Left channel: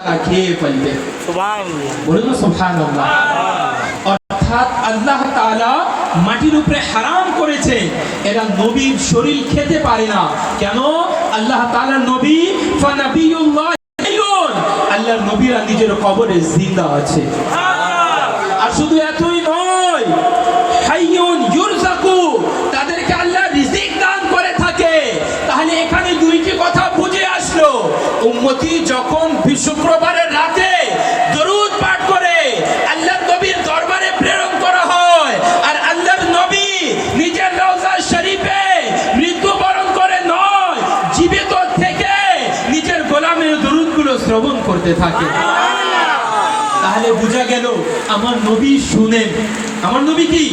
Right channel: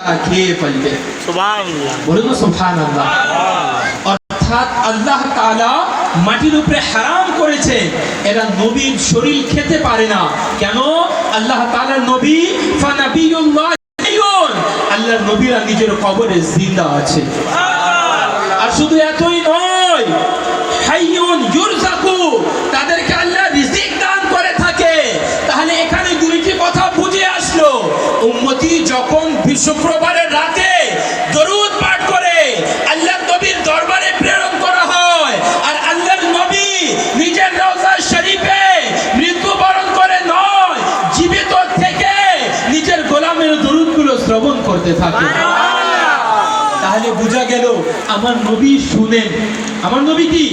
খেয়ে ফেলবে। বলুন না সুবহানাল্লাহ। অর্থাৎ আল্লাহ তাআলা মাটির উপরে হারাম করেছে, এরা নবীর শরীর খেতে পারে না। কেন? আল্লাহ তাআলার নবী ফানাবিয়ুল্লাহ, আল্লাহর নবীরা নিজের কবরে জিন্দা আছে। আর শুধু এতই নয়, হাইয়ুন ইউরযাকু, তাদেরকে আল্লাহ রিজিক দান করে থাকে। তাহলে এখানে দুইটি কথা বুঝে আসলো, উম্মতি যখন শুক্রবারের রাতে দরুদ পাঠ করে আল্লাহর নবীর দরবারে প্রেরণ করা হয়, আর আল্লাহর নবী নিজের রওজা শরীফে মৃত্যুবরণ করে নয়, জীবিত থেকে নিজের গোলামের দরুদগুলো শ্রবণ করতে থাকে। তাহলে বোঝা গেল আমার নবী শুনেন। আমার নবী কি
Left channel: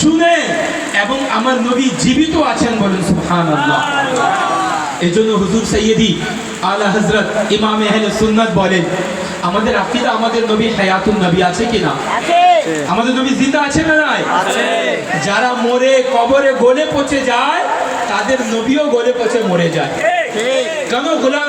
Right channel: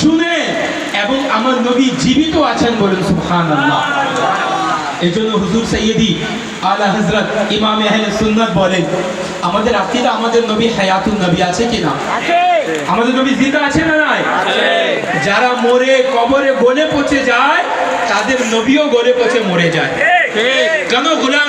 শুনেন, এবং আমার নবী জীবিত আছেন। বলেন সুবহানাল্লাহ। এজন্য হুজুর সৈয়দি আলা হযরত ইমাম আহলে সুন্নাত বলেন, আমাদের আকীদা, আমাদের নবী হায়াতুন নবী আছে কি না? আমাদের নবী জিন্দা আছে না নাই? যারা মরে কবরে গলে পচে যায়, তাদের নবীও গলে পচে মরে যায়। কেন? গুলাম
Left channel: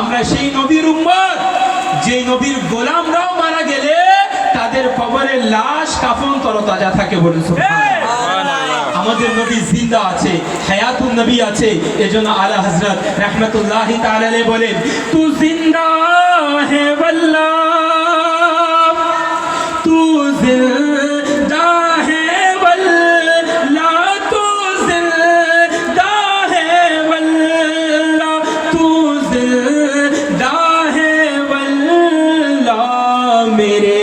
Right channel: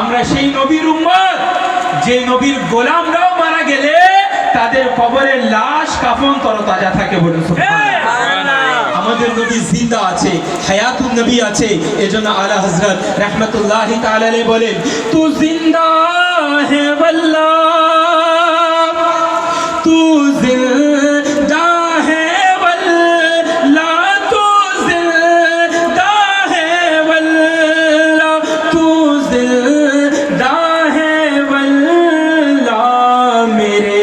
আমরা সেই নবীর উম্মত, যে নবীর গোলামরাও মারা গেলে তাদের কবরের লাশ কাফন তরতাজা থাকে। বলুন সুবহানাল্লাহ। আমাদের নবী জিন্দা আছে, হায়াতুন নবী আছে। এজন্য আলা হযরত রাহমাতুল্লাহি তাআলা আলাইহি বলেন, তু জিন্দা হে ওয়াল্লাহ, তু জিন্দা হে ওয়াল্লাহ, তু জিন্দা হে ওয়াল্লাহ, তু জিন্দা হে ওয়াল্লাহ, মেরে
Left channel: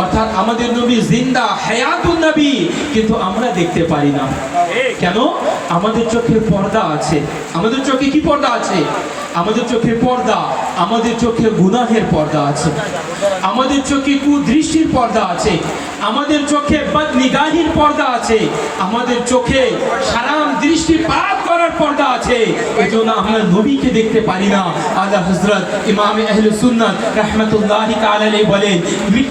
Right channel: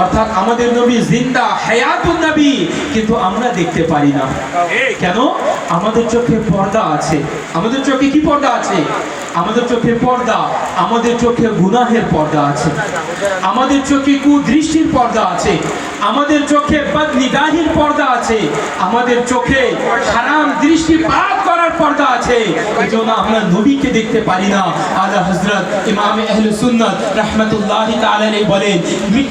অর্থাৎ আমাদের নবী জিন্দা, হায়াতুন নবী, কিন্তু আমরা দেখতে পারি না। কেন? আমাদের চোখে পর্দা আছে। আমাদের চোখে কি পর্দা আছে? আমাদের চোখে পর্দা, আমাদের চোখে গুনাহের পর্দা আছে, আমাদের চোখে কুদৃষ্টির পর্দা আছে, আমাদের চোখে বদনিগাহির পর্দা আছে, আমাদের চোখে হারাম দৃষ্টিপাত করার পর্দা আছে। এজন্য আমরা নবীকে দেখতে পারি না। আলা হযরত ইমাম আহলে সুন্নাত রাহমাতুল্লাহি তাআলা আলাইহি বলেন, মিট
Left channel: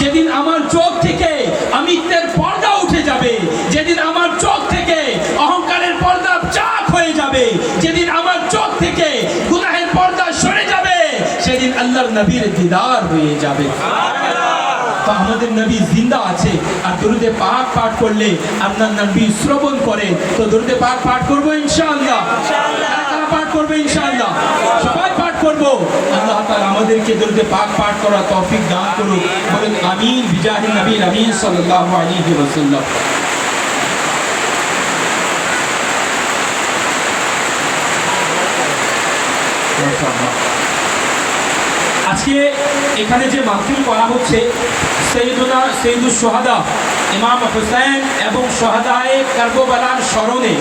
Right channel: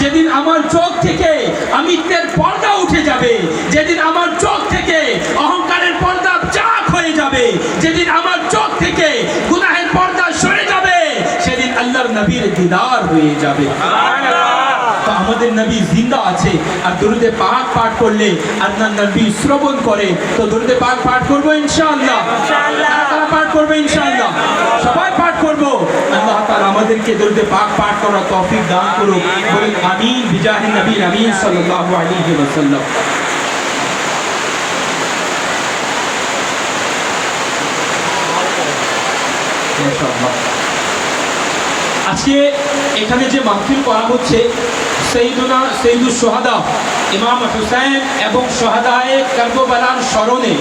যেদিন আমার চোখ থেকে আমিত্বের পর্দা উঠে যাবে, যেদিন আমার চোখ থেকে অহংকারের পর্দা চাক হয়ে যাবে, যেদিন আমার চোখ থেকে গুনাহের পর্দা সরে যাবে, সেদিন আল্লাহর নবীর দিদার হয়ে যাবে। তো আমাদের নবী জিন্দা আছে। আর দরুদে পাক পাঠ করলে আল্লাহর নবী শ্রবণ করে। তো দরুদে পাক পাঠ করব ইনশাআল্লাহ। কারা পাঠ করবে ইনশাআল্লাহ? সবাই পাঠ করব। আল্লাহ তাআলা আমাদেরকে দরুদে পাক পাঠ করার তৌফিক দান করুন। বলেন আমিন বিজাহি নবী আমিন সাল্লাল্লাহু আলাইহি ওয়াসাল্লাম। আজকে এখানে যে মাহফিল করা হচ্ছে, সৈয়দুল শুহাদা ইমাম হুসাইন এবং শুহাদায়ে কারবালার স্মরণে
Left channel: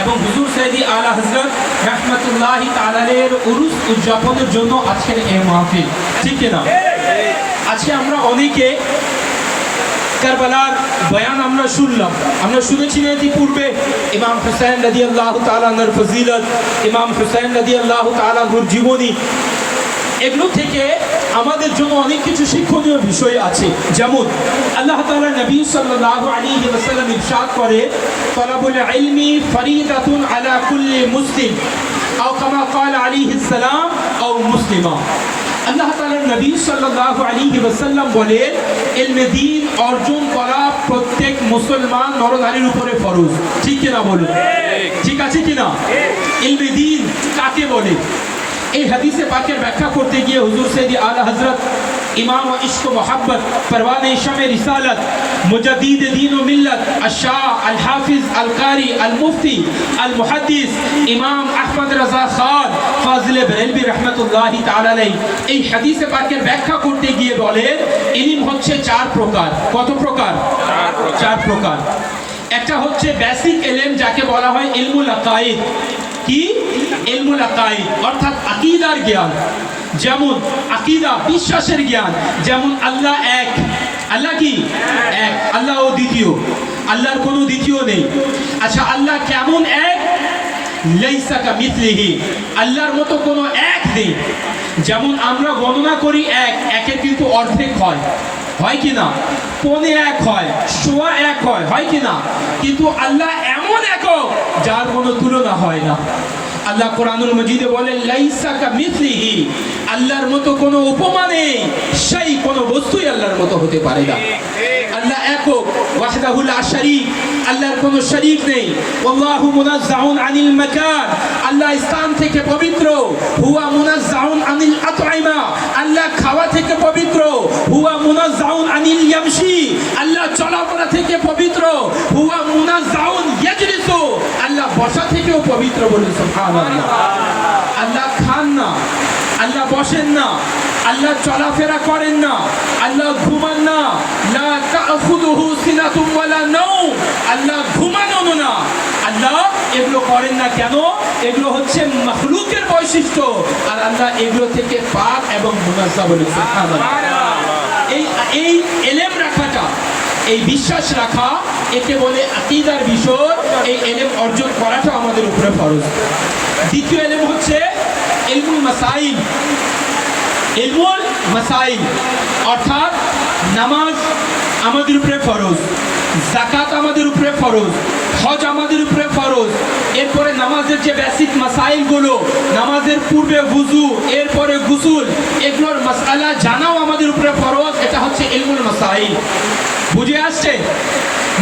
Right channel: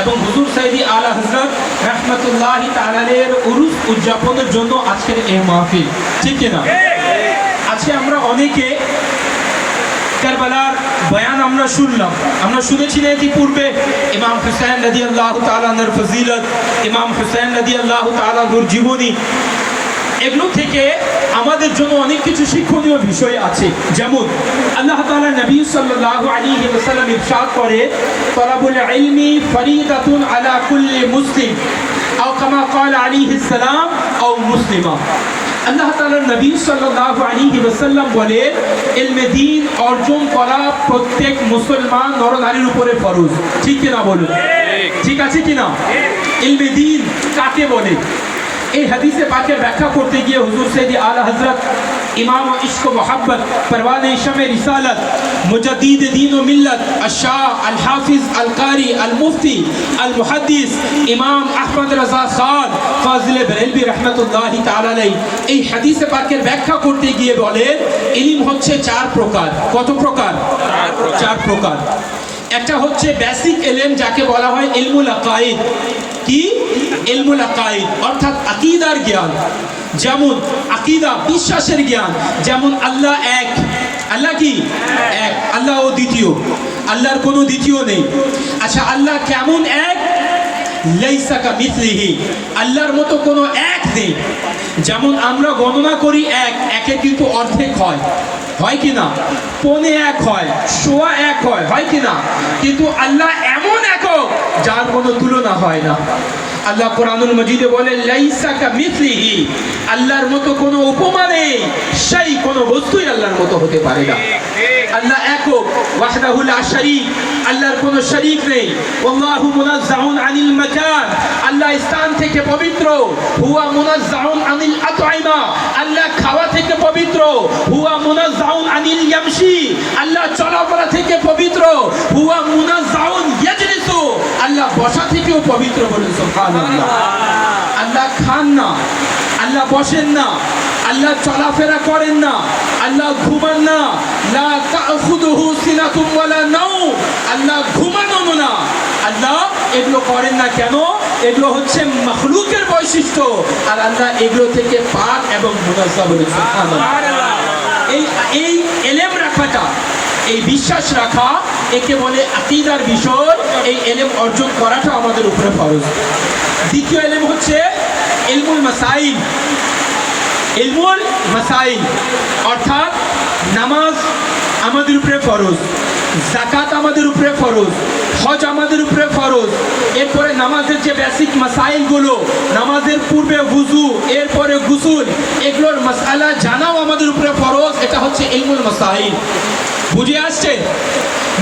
এবং হুজুর সৈয়দি আলা হযরত রাহমাতুল্লাহি তাআলা আলাইহির উরুস উদযাপনের জন্য আজকের এই মাহফিল, ঠিক না? আজকে আমরা অনেকে কারবালার বয়ান আমরা শুনলাম, আমরা শুনেছি না ইতিপূর্বে ইমাম হুসাইন রাদিয়াল্লাহু তাআলা আনহুর ফজিলত, ইমাম হুসাইন রাদিয়াল্লাহু তাআলা আনহুর জীবনী। এগুলো থেকে আমাদের জন্য অনেক কিছু শিক্ষণীয় বিষয় আছে। যেমন আল্লাহ তাআলা নবী সাল্লাল্লাহু আলাইহি ওয়াসাল্লাম ইরশাদ করে, তলাবুল ইলমি ফরিদাতুন আলা কুল্লি মুসলিম আও কামা ক্বাল আলাইহিস সালাম আও মুসলিমা। আল্লাহ তাআলা নবী সাল্লাল্লাহু আলাইহি ওয়াসাল্লাম বলেন, ইলমে দ্বীন অর্জন করা প্রত্যেক মুসলমান নরনারীর উপরে ফরজ। ঠিক কি না বলুন? ঠিক আছে কি না? ইলমে দ্বীন কাকে বলে? এই হাদিসে পাকের ব্যাখ্যা করতে গিয়ে হুজুর সৈয়দি আলা হযরত ইমাম ইশক ও মোহাব্বত পরওয়ানে শামে রিসালাত মুজাদ্দিদ দ্বীন ও মিল্লাত আশ-শাহ আল হাফিজ আল কারি আল মুফতি আল মুহাদ্দিস ইমাম আহমদ রাজা খান ফাজিলে বেরেলভী রাহমাতুল্লাহি তাআলা আলাইহি এই হাদিসে পাকের ব্যাখ্যা করতে গিয়ে বলেন, ইলম হচ্ছে চার প্রকার। কত প্রকার? চার প্রকার। একটা হচ্ছে বেসিক ইলম যাকে বলা হয় ইলমুল আকাইদ। কি? ইলমুল আকাইদ অর্থাৎ আকীদার জ্ঞান। যেমন আকীদা বিশ্বাসের জ্ঞান, যেমন আল্লাহ এক। আল্লাহ কি? এক। আল্লাহ ও দ্বিতীয়, আল্লাহর কোনো দ্বিতীয় নেই। আচ্ছা, আল্লাহ কেমন এক? লাইসা কামিসলিহি, আল্লাহর মতো কোনো এক নেই। যেমন আমরা গণনা করি এক, একের কিন্তু অর্ধেক হয়, হয় কি না? পৌনে এক হয়, সোয়া এক হয়, হয় কি না? কিন্তু আল্লাহ এমন একক যার কোনো তুলনা হয় না। আল্লাহ কোরআনুল মজিদে বলে লাইসা কামিসলিহি, আল্লাহর মতো কোনো উপমা নেই, সেই কোনো বস্তুই আল্লাহর মতো হতে পারে না। আল্লাহ একক, ওয়াহদাহু লা শারীক, আল্লাহর কোনো শরীক নেই। আল্লাহু মুনাজ্জাউন আনিল মাকান, আল্লাহ স্থান থেকে পবিত্র। হুয়া মুনাজ্জাউন আনিল আত'ইমা, আল্লাহ খাওয়া থেকে পবিত্র। হুয়া মুনাজ্জাউন আনিল ইয়ামশি, আল্লাহ চলাফেরা থেকে পবিত্র। হুয়া মুনাজ্জাউন ইয়াজলিসু, আল্লাহ বসা থেকেও পবিত্র। বলুন সুবহানাল্লাহ। আল্লাহ খান না, আল্লাহ বসেন না, আল্লাহ চলাফেরা করেন না, আল্লাহ ঘুমান না। লা তাখুযুহু সিনাতুম ওয়ালা নাওম, আল্লাহ ঘুমানো না। আল্লাহ এগুলো করেন না কেন? এগুলো হচ্ছে মাখলুকের বৈশিষ্ট্য, আর আল্লাহ এগুলো থেকে পাক এবং মুনাজ্জাহ। বলুন সুবহানাল্লাহ। এই ইলম রাখাটা, এই বিশ্বাস রাখা, একে বলে আকীদার বিষয়। এই ইলম অর্জন করাটা আমাদের উপরে ফরজ। দ্বিতীয় ইলম হচ্ছে ইলমুল মাসাইল। ইলমুল মাসাইল অর্থাৎ নামাজ আমাদের উপরে ফরজ, যাকাত আমাদের উপরে ফরজ, হজ আমাদের উপরে ফরজ। এরপরে নামাজের যে বেসিক মাসাইলগুলো, নামাজের পূর্বে ওযু, এরপরে গোসল, এগুলোর মাসআলা জানাও আমাদের উপরে ফরজ। এটা হচ্ছে ইলমুল মাসাইল। বুঝে আসছে?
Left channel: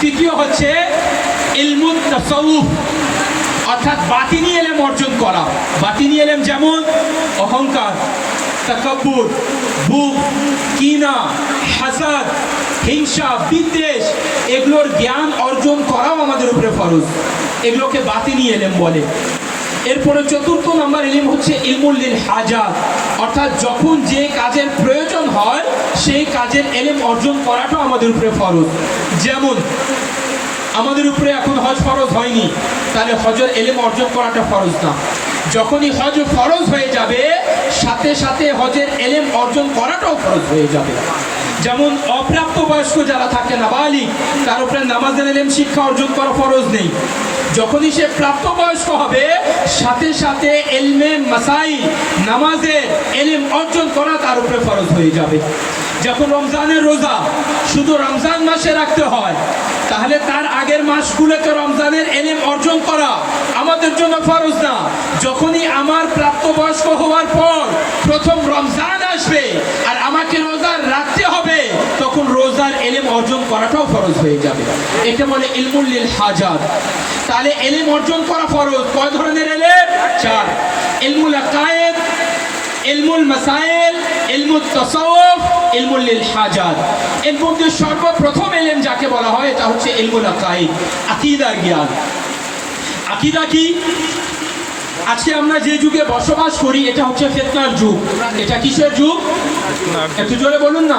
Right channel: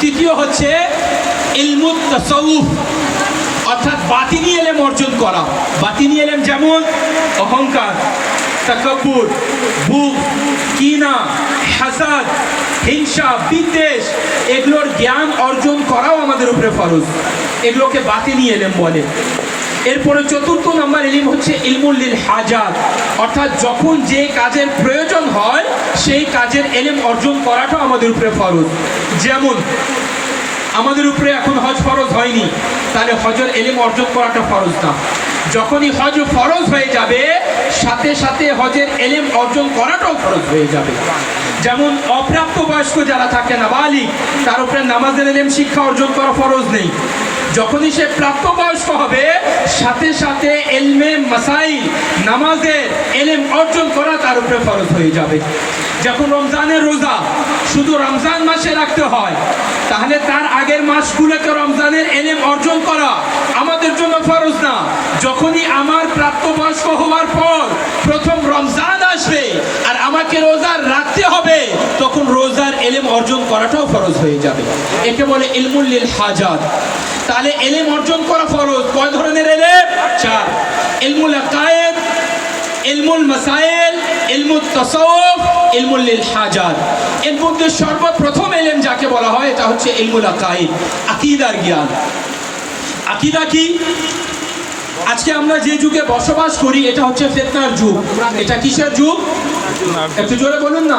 তৃতীয় হচ্ছে ইলমুত তাসাউফ অর্থাৎ বাতিনি ইলম অর্জন করা। বাতিনি ইলম যেমন অহংকার, তাকাব্বুর, বুগ, কিনা, হাসাদ, হিংসা, বিদ্বেষ, এগুলোর জ্ঞান অর্জন করাও আমাদের উপরে ফরজ। এগুলোকে বাতিনি ইলম বলে। এরপরে চতুর্থ নম্বর ইলম হচ্ছে ইলমুল লিল হাজাত অর্থাৎ যখন যে কাজের প্রয়োজন হয় সেই কাজের ইলম অর্জন করাটাও আমাদের উপরে ফরজ। যেমন আমাদের উপরে এখন হজ ফরজ হয়নি, তাহলে হজের ইলম অর্জন করাটা ফরজ না। যখনই হজ ফরজ হয়ে যাবে সাথে সাথে হজের ইলম অর্জন করাটাও ফরজ হয়ে যাবে। যেমন অপ্রাপ্তবয়স্ক যারা থাকে, নাবালিগ, তার উপরে নামাজের ইলম শিক্ষা অর্জন করা ফরজ নেই। যখনই সে প্রাপ্তবয়স্ক হবে সাথে সাথে ইলমে মাসাইল, নামাজের ইলম অর্জন করা তার উপরে ফরজ হয়ে যাবে। যখন রমজানের রোজা শুধু রমজান মাসে রাখতে হয়, তাহলে তার আগের মাসগুলোকে রমজানের ইলম অর্জন করা আমাদের জন্য ফরজ না। যখনই আমার প্রাপ্তবয়স্ক হওয়ার পর প্রথম রমজান আসবে আর আমাকে রোজা রাখতে হবে, তখন রোজার ইলম অর্জন করাটাও ফরজ হয়ে যাবে। একে বলে ইলমুল লিল হাজাত। তাহলে ইলম অর্জন করা ফরজ। কয় ধরনের ইলম? চার। ইলমুল আকায়েদ, ইলমুল মাসাইল, ইলমুত তাসাউফ, ইলমুল লিল হাজাত। এর মধ্যে সর্বপ্রথম ইলম যাকে বলা হয় এটা হচ্ছে ইলমুল আকায়েদ, আকীদার জ্ঞান। আকীদা কি? আজকে আমরা যে যুগে বসবাস করি এটা হচ্ছে ফিতনার যুগ। এটা কিসের যুগ? একটু জোরে বলুন না।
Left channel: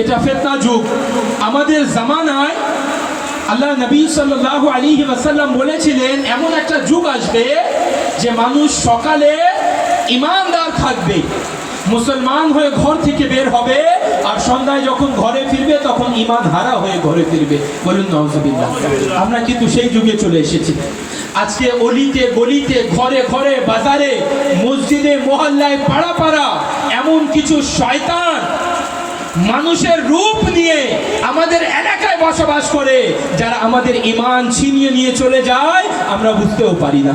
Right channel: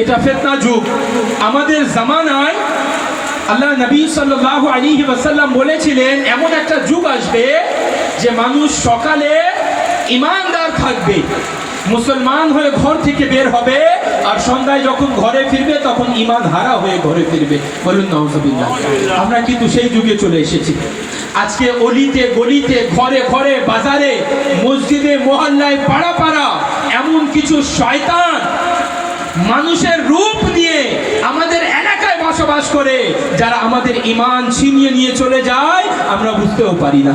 এটা ফিতনা যুগ। আমাদের জামানায় আল্লাহ নবী সাল্লাল্লাহু আলাইহি ওয়াসাল্লাম বলেছিলেন এমন একটা যুগ আসবে যে মানুষ সকালে ঈমানদার থাকবে, মুসলমান হয়ে ঘর থেকে বের হবে, আর সন্ধ্যায় যখন ঘরে ফিরবে তখন ঈমান হারা হয়ে ঘরে ফিরবে। বলুন নাউজুবিল্লাহ। আমরা কিন্তু সেই যুগে চলে এসেছি। আজকে অলিতে গলিতে, ঘরে ঘরে, বাজারে, মসজিদে, মহল্লায়, পাড়া পাড়া এমন কিছু শয়তান মানুষের রূপ নিয়ে আমাদের এলাকায় বসবাস করে, যারা আমাদের ঈমান ছিনিয়ে নিয়ে চলে যায় আমরা বুঝতেও পারি না।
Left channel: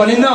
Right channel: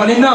বলেন না,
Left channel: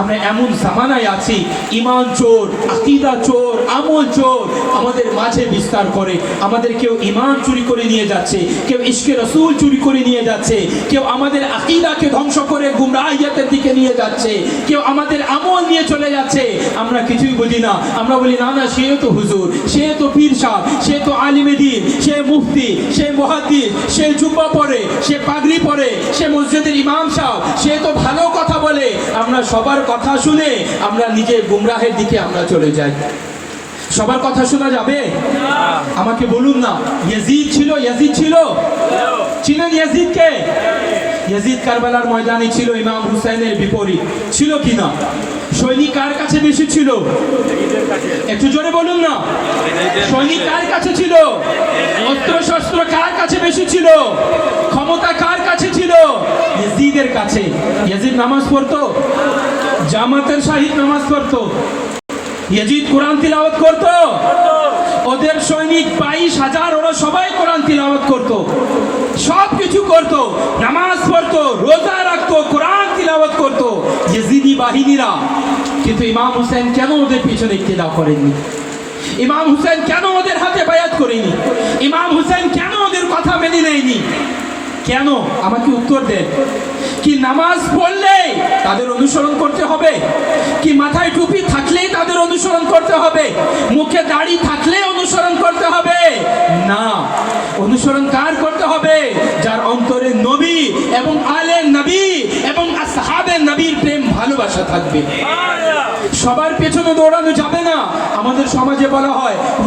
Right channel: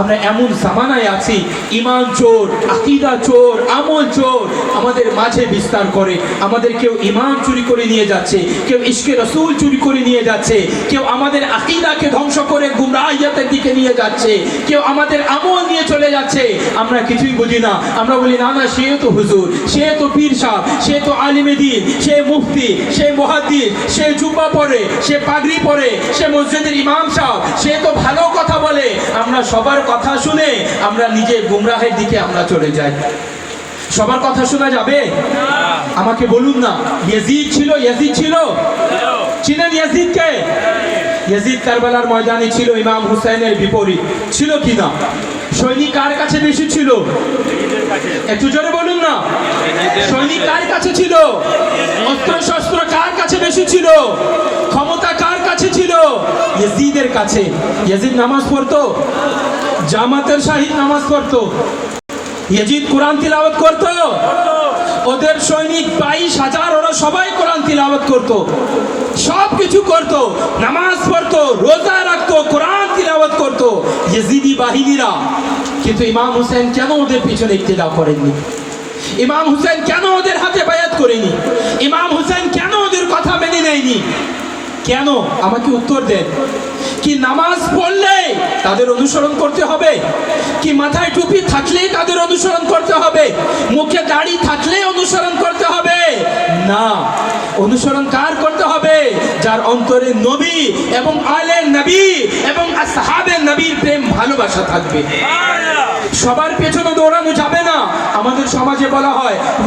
আমরা এমন জামানায় আছি ঈমান চোর, আকীদা চোর, আমল চোর আমাদের মাঝে বিস্তার করে। আমাদের কেউ ঈমান চুরি করে নিয়ে যাচ্ছে, কেউ ইশকে রাসূল চুরি করে নিয়ে যাচ্ছে, কেউ আমাদের আকীদাকে ধ্বংস করে গুমরাহিয়াতের দিকে নিয়ে যাচ্ছে, কেউ আমাদের আমল নিয়ে চলে যাচ্ছে। আমরা কিছুই বুঝি না। আমরা বলি না না, সে তো হুজুর, সে তো পীর সাহেব, সে তো আলিমে দ্বীন, সে মুফতি, সে মুহাদ্দিস, সে জুব্বা পরে, সে পাগড়ি পরে, সে মসজিদের ইমাম সাহেব, সে তো ভালো কথা বলে। আমরা সবার কথা শুনে আমরা নিজে গুমরাহের দিকে আমরা চলে যাই। সবার কথা শোনা যাবে? আমাকে বলুন না, ইয়াজিদ ছিল, ইয়াজিদ ছিল, চিনেন ইয়াজিদকে? ইয়াজিদ কারবালার ময়দানে ছিল ইমাম হুসাইনের বিপরীত, ছিল কিনা? সৈনিক কার কাছে বেশি ছিল? একটু জোরে বলুন না। সৈনিক কার কাছে ছিল? অস্ত্র শস্ত্র কার কাছে বেশি ছিল? ক্ষমতা কার কাছে ছিল? ইয়াজিদের কাছে। ইয়াজিদ নামাজ পড়তো, জামাতের শাহিদ নামাজ পড়তো, ইয়াজিদ কোরআন তিলাওয়াত করতো। ওদের সৈনিক 22,000 ওরা সবাই কোরআন তিলাওয়াত করতো, সব কিছু করতো, নামাজ পড়তো, রোজা রাখতো, কোরআন তিলাওয়াত করতো ইয়াজিদি বাহিনীরা। কিন্তু ইমাম হুসেন কেন ওদের পিছনে ইক্তেদা করেননি? ইমাম হুসেন কেন ওদের হাতে বায়াত করেনি? ইমাম হুসেন কেন ওদের কথা মেনে নেয়নি? কেন? আমাকে উত্তর দেন। কি নামাজ পড়লে তাদের অনুসরণ করতে হবে? কি মাথায় টুপি থাকলেই তাদের অনুসরণ করতে হবে? মুখে দাড়ি থাকলে অনুসরণ করতে হবে? না। অনুসরণ কার করতে হবে? যার অন্তরে নবী এবং আলে নবী এবং আসহাবে নবীর প্রেম ভালোবাসা থাকবে। সবার পেছনে দৌড়ানো যাবে না। আমাদের সমাজে বলা হয়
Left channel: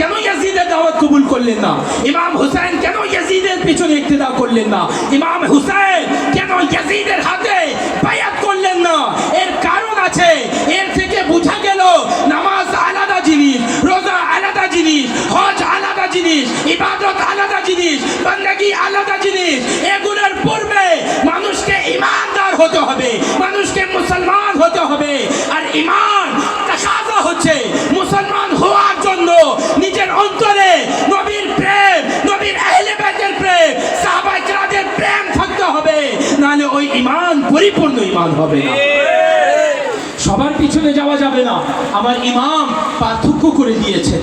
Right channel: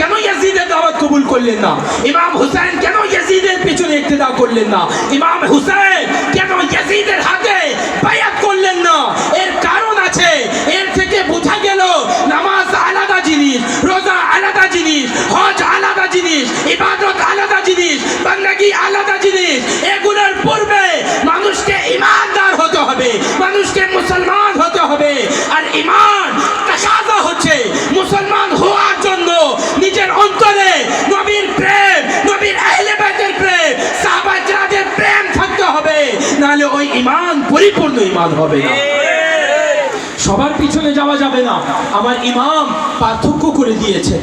কেন ইয়াজিদের দাওয়াত কবুল করলেন না? ইমাম হুসাইন কেন ইয়াজিদের পিছনে ইক্তেদা করলেন না? ইমাম হুসাইন কেন ইয়াজিদের হাতে বায়াত করলেন না? এর কারণ আছে। এর থেকে বোঝা গেল নামাজ আলাদা জিনিস, রোজা আলাদা জিনিস, হজ আলাদা জিনিস, ইবাদত আলাদা জিনিস, বান্দাগি আলাদা জিনিস। এগুলোর পূর্বে মানুষকে ঈমানদার হতে হবে, মানুষকে মুসলমান হতে হবে। আর ঈমান তাকাজা হচ্ছে মুসলমান হওয়ার জন্য নিজের অন্তরে নবীর প্রেম, নবীর আহলে বাইতের প্রেম, সাহাবায়ে কেরামের প্রেম থাকতে হবে, নাহলে ওই ঈমান পরিপূর্ণ ঈমান হবে না। সবার পিছনে যাওয়া যাবে না। আমার ইমাম পার্থক্য করে দিয়েছেন,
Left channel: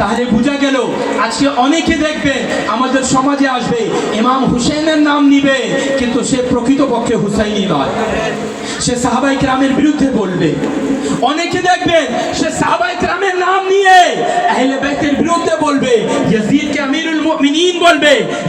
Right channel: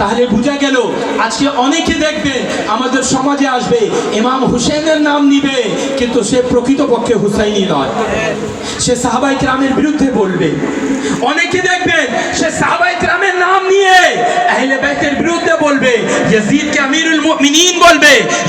তাহলে বোঝা গেল আজকে অনেকে দেখবেন আমাদের সমাজে আসবে, ইমাম হুসেনের নাম নিবে, কিন্তু সে প্রকৃতপক্ষে হুসাইনি নয়, সে সাহাবায়ে কেরামের বিরুদ্ধে বলবে। অনেকে দেখবেন সে সাহাবায়ে কেরামের নাম নিয়ে আহলে বাইতের বিরুদ্ধে বলবে, ইয়াজিদকে আমিরুল মুমিনিন বলবে,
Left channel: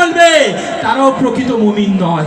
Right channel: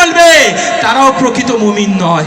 বলবে, তারাও প্রকৃত মুমিন নয়।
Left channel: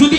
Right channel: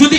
যদি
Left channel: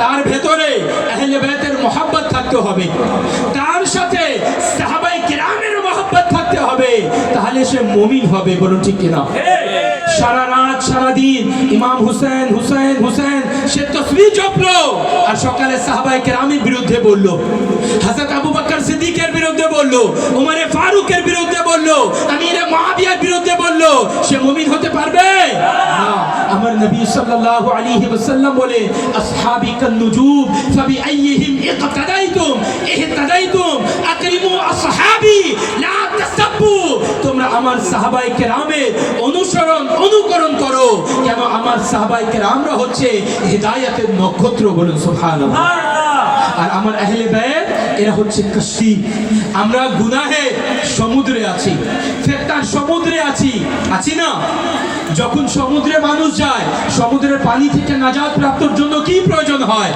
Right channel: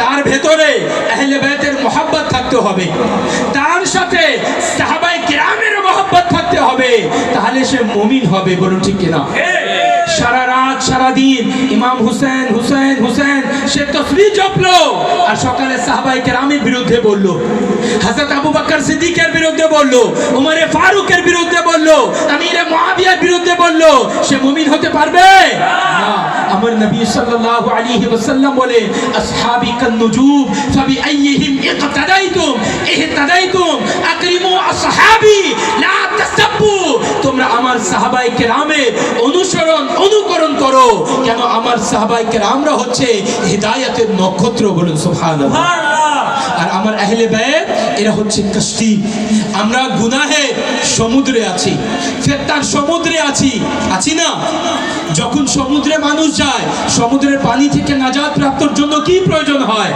তার ভেতরে আহলে বাইতের মুহাব্বত থাকতে হবে, তার সাথে সাহাবায়ে কেরামের মুহাব্বত থাকতে হবে, তাহলে সে মুমিন হবে। বলুন ঠিক কিনা? সারা রাত সারাদিন ইমাম হুসেন হুসেন হুসেন সে তসবিহ জপলো আর সকালে সাহাবায়ে কেরামের বিরুদ্ধে বলল, হযরত আবু বকর সিদ্দিকের বিরুদ্ধে বলল, উমরে ফারুকের বিরুদ্ধে বলল, আমিরে মুআবিয়ার বিরুদ্ধে বলল, সে মুমিন হতে পারবে না। আমার নবী সাল্লাল্লাহু আলাইহি ওয়াসাল্লাম বলে, আসহাবি কান নুজুম ফাবি আইয়িহিম ইকতাদাইতুম ইহতাদাইতুম আকরিমু আসহাবি লা তাসাব্বু। তোমরা আমার সাহাবায়ে কেরামের অনুকরণ করো, কেন আমার সাহাবায়ে কেরামরা হচ্ছে হিদায়াতের নক্ষত্র। বলুন সুবহানাল্লাহ। আর আমার আহলে বাইত এরা হচ্ছে কষ্টি। আমরা গুনাহে সমুদ্রে আছি, ফেতনার সমুদ্রে আছি না? যখন সমুদ্রে মানুষ যায়, সমুদ্রের পানি থেকে নাজাত প্রাপ্তর জন্য কি প্রয়োজন হয়?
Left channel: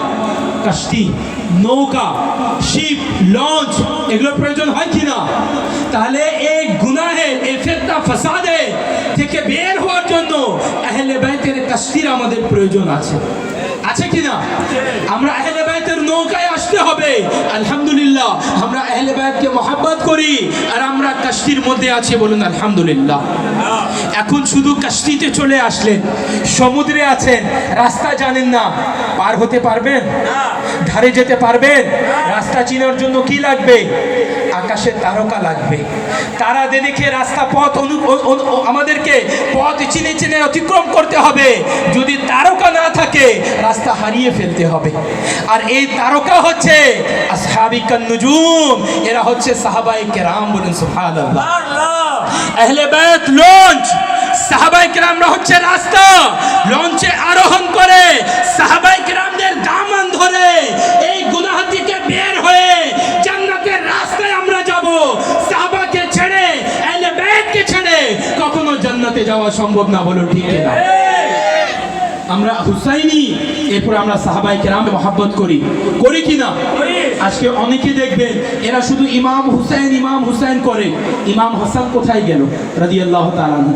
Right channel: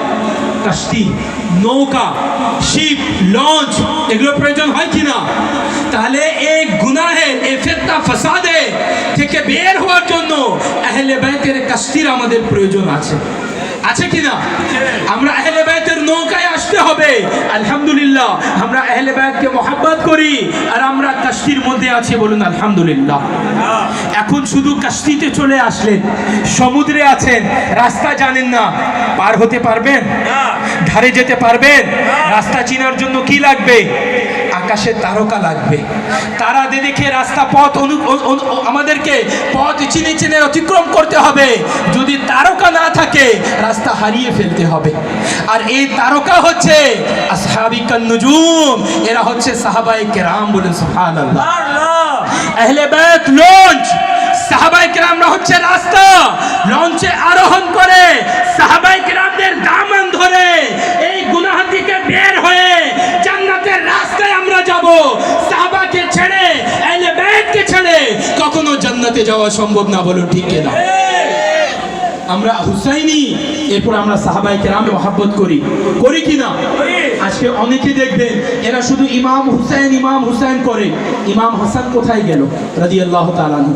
কষ্টি, নৌকা, শিপ, লঞ্চ, এগুলো প্রয়োজন হয় কি না? তাহলে এই গুনাহে, এই ফিতনা ফাসাদে থেকে বের হওয়ার জন্য আহলে বাইতের কষ্টির আমাদের প্রয়োজন আছে কি না? আমরা আহলে বাইতের নৌকায় আসতে হবে। আলহামদুলিল্লাহ, আমরা আহলে বাইতকে মহব্বত করি আর আমরা কষ্টির মধ্যে আছি। বলুন আলহামদুলিল্লাহ। এখন শুধু কষ্টিতে চলে আসলেন, সমুদ্রে আছেন, রাস্তা জানেন না, পার হতে পারবেন? ধারে যেতে পারবেন? রাস্তা চেনার জন্য কি লাগবে? আকাশের তারকা লাগবে। তারা দেখে রাস্তা পথ আমাদেরকে পথ চিনে অতিক্রম করতে হবে। যদি তারকা না থাকে রাস্তা হারিয়ে ফেলতে হবে। আর এই তারকা হচ্ছে আসহাবি কান নুজুম, এরা হচ্ছে সাহাবায়ে কেরাম। বলেন সুবহানাল্লাহ। আহলে বাইত লঞ্চ, সাহাবায়ে কেরামরা হচ্ছে রাস্তা। লঞ্চে আরোহণ করে সাহাবায়ে কেরামদের দামান ধরে এই গুনাহ থেকে বের হয়ে জান্নাতের রাস্তায় আমরা যাব। সাহাবাকে ছেড়ে, আহলে বাইতকে ছেড়ে কখনো জান্নাতে যাওয়া সম্ভব না। বলুন ঠিক কিনা? আমরা হুসাইনি, এরপর আমরা সাহাবায়ে কেরামে মহব্বত করি কিনা? আজকে অনেকে দেখবেন এরা শুধু ইমাম হুসাইন করে। ইমাম হাসান কোথায় গেল রাদিয়াল্লাহু তাআলা আনহু?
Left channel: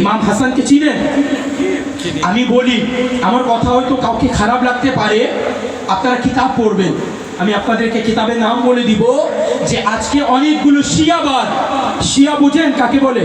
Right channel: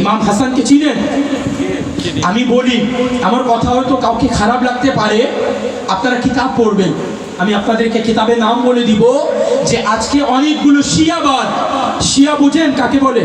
ইমাম হাসানকে চিনেন? আমি বলি, আমার কথা হয়তো কাউকে খারাপ লাগতে পারে, আপনারা কিতাব পড়বেন। আমি আপনাদেরকে কিতাবের নাম বলে দিব যে আজকে অনেকগুলো শিয়াবাদ, শিয়া বুঝেন কাকে বলে?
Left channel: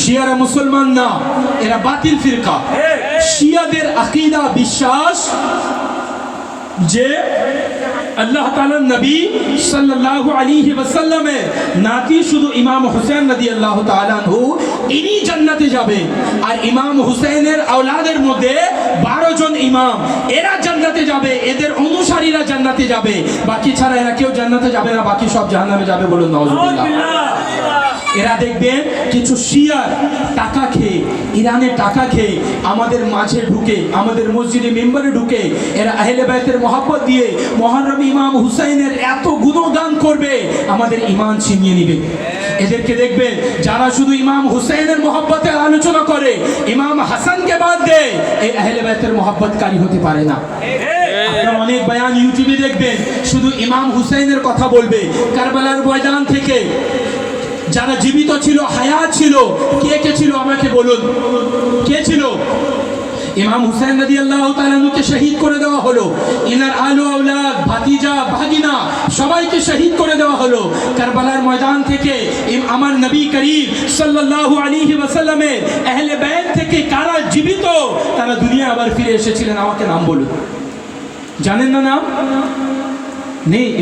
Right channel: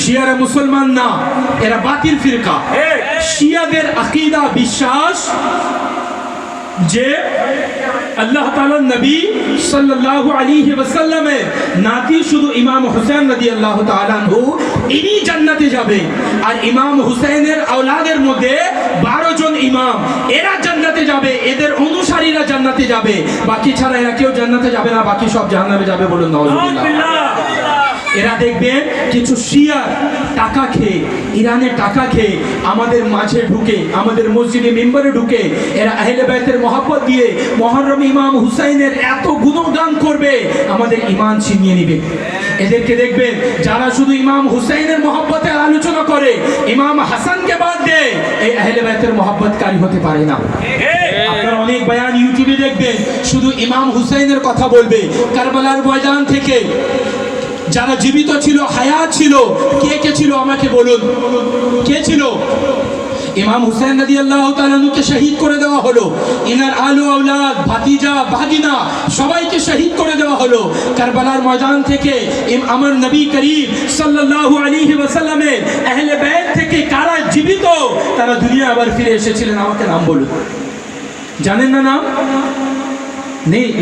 শিয়ারা মুসলমান না, এরা বাতিল ফিরকা। শিয়াদের আকীদা বিশ্বাস যে আল্লাহ তাআলা নবী সাল্লাল্লাহু আলাইহি ওয়াসাল্লামের নাতি শুধু ইমাম হুসাইন রাদিয়াল্লাহু তাআলা আনহু, ইনি জান্নাতে যাবে। আর ইমাম হুসাইনের আওলাদের মধ্যে 12 জন ইমাম, এরা জান্নাতে যাবে, এদের অনুসারীরা জান্নাতে যাবে। বাকি ছাড়া এরা কেউ জান্নাতে যাবে না, বাকি সব জাহান্নামে যাবে। বলুন নাউজুবিল্লাহ। এরা দেখবেন কিছু শিয়ার টাকা খেয়ে, ইরানের টাকা খেয়ে আমাদের মাঝে ঢুকে, আমাদের মসজিদে মিম্বরে ঢুকে এরা আহলে বাইতের মহব্বত দিয়ে মুহররম ইমাম হুসাইনের এত গুণগান করবে, আমাদের ঈমান ছিনিয়ে নেবে। এদেরকে দেখবেন যারা শুধু ইমাম হুসাইনের মহব্বতের আলোচনা করে, ইমাম হাসানকে বাদ দেয়, এই আহলে বাইতের মহব্বতকারী হতে পারে না। আপনারা অনেক বয়ান ইউটিউবে দেখবেন শুধু ইমাম হুসাইনের কথা বলবে। কারবালার ময়দান থেকে যারা জীবিত ছিল, হায়াত ছিল, কে ছিল আমাকে বলুন, কে ছিল? ইমাম হুসাইন রাদিয়াল্লাহু তাআলা আনহুকে শহীদ করে দেওয়া হলো। ইনার আলো আওলাদ, ভাতিজা, ভাগিনা সবাইকে শহীদ করে দেওয়া হলো। কারবালার ময়দান থেকে আমার নবী করিম সাল্লাল্লাহু আলাইহি ওয়াসাল্লামের আহলে বাইত থেকে কারা জীবিত, তারা দুনিয়া আবার ফিরে এসেছিলেন, আমাকে নাম বলুন। জানেন না নাম? নেই?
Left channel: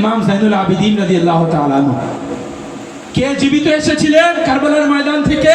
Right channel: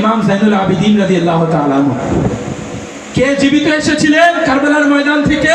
ইমাম জাইনুল আবিদিন রাদিয়াল্লাহু তাআলা আনহু কে জীবিত এসেছিলেন কারবালার ময়দান থেকে?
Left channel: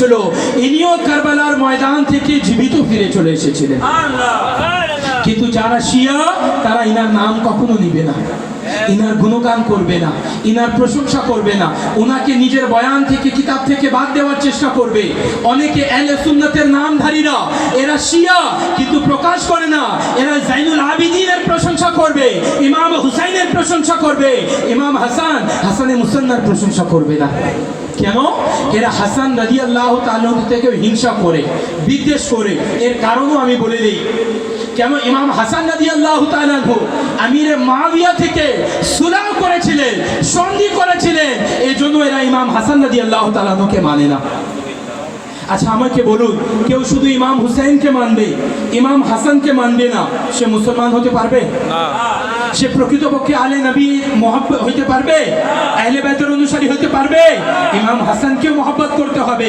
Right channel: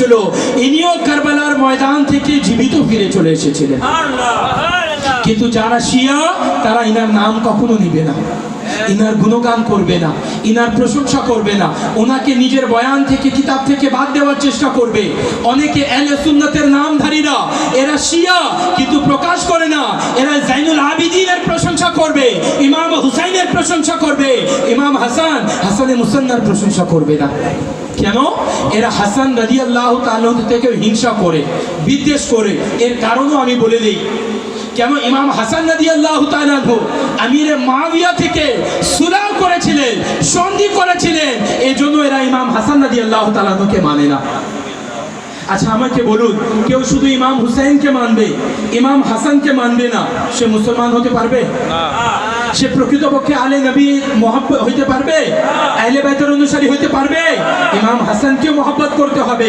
ছিল, ইনিও কারবালার ময়দান থেকে জীবিত ফিরে চলে এসেছিলেন। কিন্তু যারা শিয়া তারা ইনার নাম কখনো নিবে না। ইনার গুণগান করবে না, ইনার প্রশংসা করবে না, ওনাকে নিজের বয়ান থেকে কিতাব থেকে বাদ দেওয়ার চেষ্টা করবে। অনেকে আহলে সুন্নাতের নামধারীরা এরা শিয়া কিন্তু প্রকাশ করে না, এরা জাইনুল আবিদিনের প্রশংসা করবে, ইমাম হুসাইনের প্রশংসা করবে, ইমাম হাসানে মুসান্নার প্রশংসা করবে না। কেন? এরা হাসান রাদিয়াল্লাহু তাআলা থেকে হিংসা করে, বিদ্বেষ করে। এর কারণও আমি বলে দিই। কেন? ইমাম হাসান রাদিয়াল্লাহু তাআলা আমিরে মুআবিয়া থেকে সুলহ করেছিলেন, সন্ধি করেছিলেন, এই জন্য এরা ইমাম হাসান রাদিয়াল্লাহু তাআলাকে মানে না। আচ্ছা আমাকে বলুন, কেউ শুধু ইমাম হুসাইনকে মানবে, ইমাম হাসানকে মানবে না, সে মুসলমান হতে পারবে? না। সে প্রকৃতপক্ষে আলে নবী মহব্বত হইতে পারবে? আহলে বাইতের অনুসারী হইতে পারবে? ইমাম হাসানকে মহব্বত করতে হবে,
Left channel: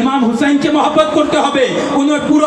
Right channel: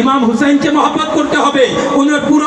ইমাম হুসাইনকে মহব্বত করতে হবে, ওনার পুরো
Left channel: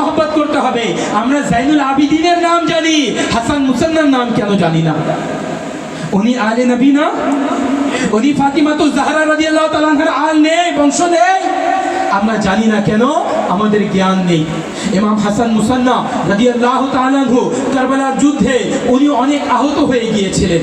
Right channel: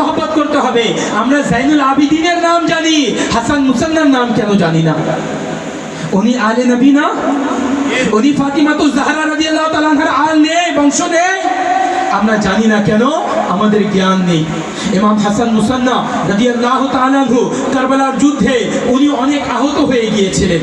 মহব্বত করতে হবে। আমরা জাইনুল আবিদিনের নাম জানি, হাসান মুসান্নার নাম কেন জানি না? উনি আলে নবী না? উনি ফাতিমাতুজ জাহরা রাদিয়াল্লাহু তাআলা আনহার আল নেই, বংশ নেই? আমরা জানি না কেন? আমাদের জ্ঞান নেই। ইমাম হাসান মুসান্না রাদিয়াল্লাহু তাআলা আনহু কারবালার যুদ্ধে উনি অনেক আহত হয়ে গিয়েছিলেন,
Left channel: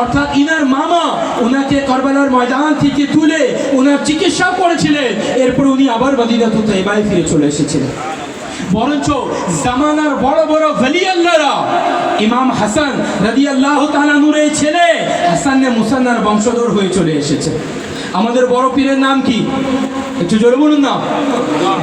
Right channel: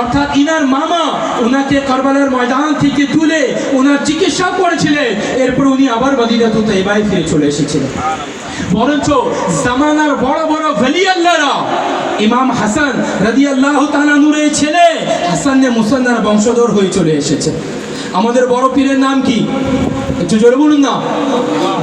অর্থাৎ ইনার মামা ওনাকে কারবালার ময়দান থেকে তুলে ওনার চিকিৎসা করেছিলেন, এরপর উনি আবার মদিনাতুত তাইবায় ফিরে চলে এসেছিলেন। বরঞ্চ জামানার বড় বড় ওলি আল্লাহরা ইমাম হাসান রাদিয়াল্লাহু তাআলা নূরের ছেলে হাসানে মুসান্নার বংশধর হয়ে চলে এসেছে। আমাদের বড় পীরের নাম কি? একটু জোরে বলুন না।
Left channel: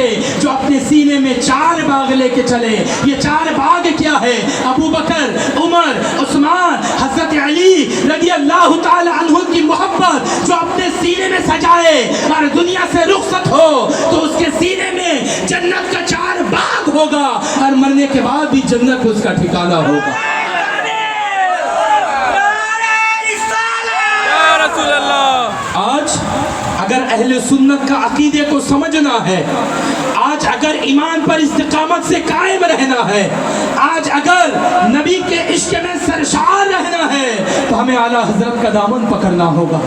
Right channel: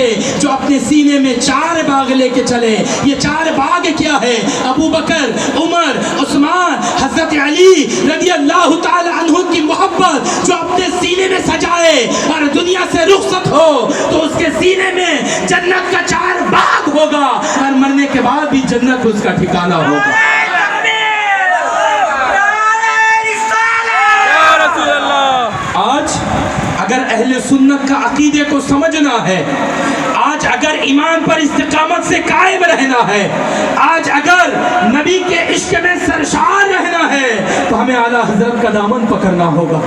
کے جو اپنے سینے میں 4 باغ لے کے چلے. یہ 4 باغ کیا ہے؟ ابو بکر، عمر، عثمان، حضرت علی رضی اللہ تعالی عنہ کی محبت جو اپنے سینے میں سجائے اور دنیا سے رخصت ہو تو اس کے سینے میں جنت کا 4 باغ ہوگا اور مرنے کے بعد بھی جنت اس کا ٹھکانہ ہوگا. یا رسول اللہ. آج اگر اہل سنت کا عقیدے کو سمجھنا ہے، آج اگر ایمان پر استقامت سے قائم رہنا ہے، آج اگر نبی کے عشق میں سرشار رہنا ہے تو ہمیں اعلیٰ حضرت کا دامن پکڑنا ہوگا.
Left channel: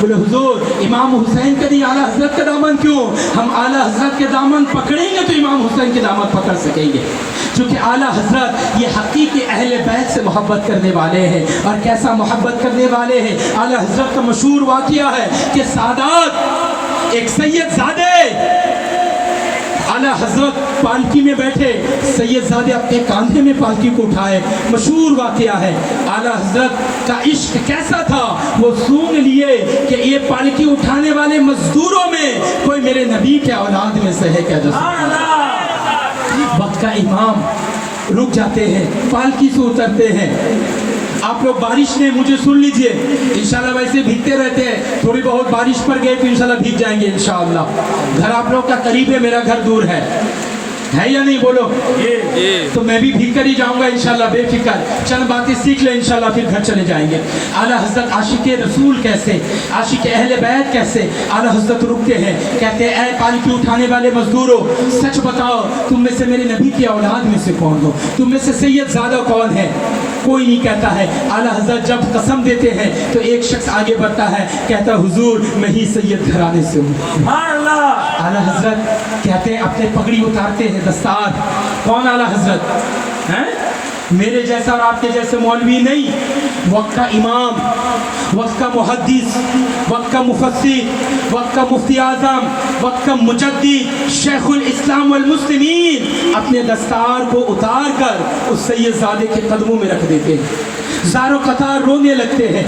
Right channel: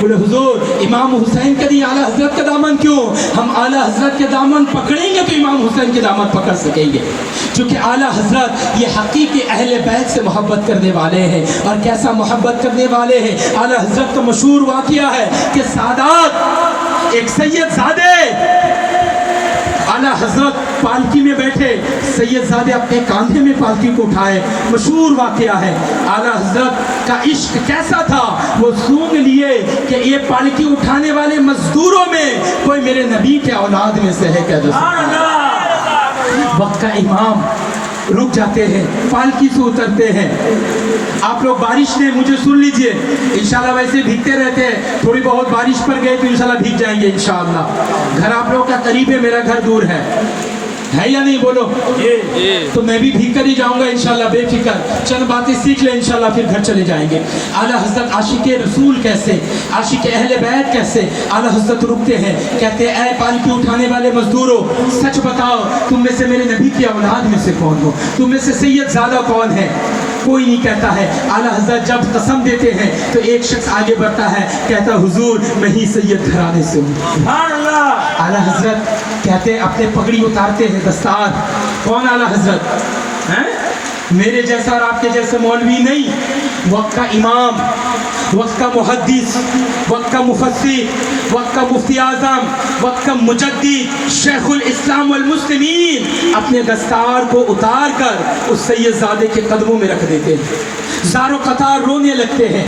بولے حضور امام حسین کے لیے اعلیٰ حضرت کا دامن کیوں؟ ہم اعلیٰ حضرت کے دامن پکڑیں گے تو امام حسین کے دامن پکڑ سکیں گے، کیونکہ اعلیٰ حضرت یہ حقیقی اہل بیت سے محبت کرنے والے ہیں. اور کیسا محبت کرنے والے ہیں؟ اعلیٰ حضرت کا مشہور واقعہ ہے کہ سادات ایک سید زادے اعلیٰ حضرت پالکی میں بیٹھے، سید زادے اپنے کاندھے میں پالکی کو اٹھائے. مشہور واقعہ ہے. اعلیٰ حضرت کا عشق کیسا تھا، وہ سونگ لیے کہ یہ پالکی اٹھانے والے مزدوروں میں کوئی میرے نبی کے اولاد میں سے ہے کیا؟ وقت کا امام رک جاتے ہیں، پالکی سے اترتے ہیں. آپ لوگ بارش نے مجھے سن لیجئے، انشاءاللہ ویسے بھیگتے رہتے ہیں، تھوڑی بہت بارش پڑ گئی تو انشاءاللہ بھیگ جائیں گے انشاءاللہ. گھر آپ لوگ کا قریب ہے، میرا گھر دور ہے یا نہیں؟ بولو. تو میں بھی بھیگ کر ہی جاؤں گا انشاءاللہ، بے فکر. چند باتیں سیکھ لیں انشاءاللہ پھر گھر چلے جائیں گے. اعلیٰ حضرت عاشق رسول کیسے، عاشق اہل بیت کیسے. اعلیٰ حضرت رکتے ہیں، کہتے ہیں اے پالکی اٹھانے والے مزدوروں، سچ بتاؤ تم میں سے میرے نبی کی اولاد میں سے کون ہو؟ تم میں سے سید زادہ کون ہے؟ کوئی نہیں کہتا ہے. اعلیٰ حضرت جب قسم دیتے ہیں تو ایک شخص آگے بڑھتا ہے، کہتا حضور میں ہی سید گھرانے سے ہوں. اعلیٰ حضرت کہتے ہیں، اپنے پگڑی اتارتے ہیں، دستار. کون اعلیٰ حضرت ہیں؟ میرے جیسا اور آپ کے جیسے مولوی نہیں، وقت کا امام، وقت کا محدث، وقت کا مفسر، وقت کا مفتی اعظم، وقت کا مجدد، شیخ الاسلام والمسلمین اپنے دستار کو اتار کر اس سید زادے کے قدموں میں رکھ دیتے ہیں. زار و قطار رونے لگتے ہیں.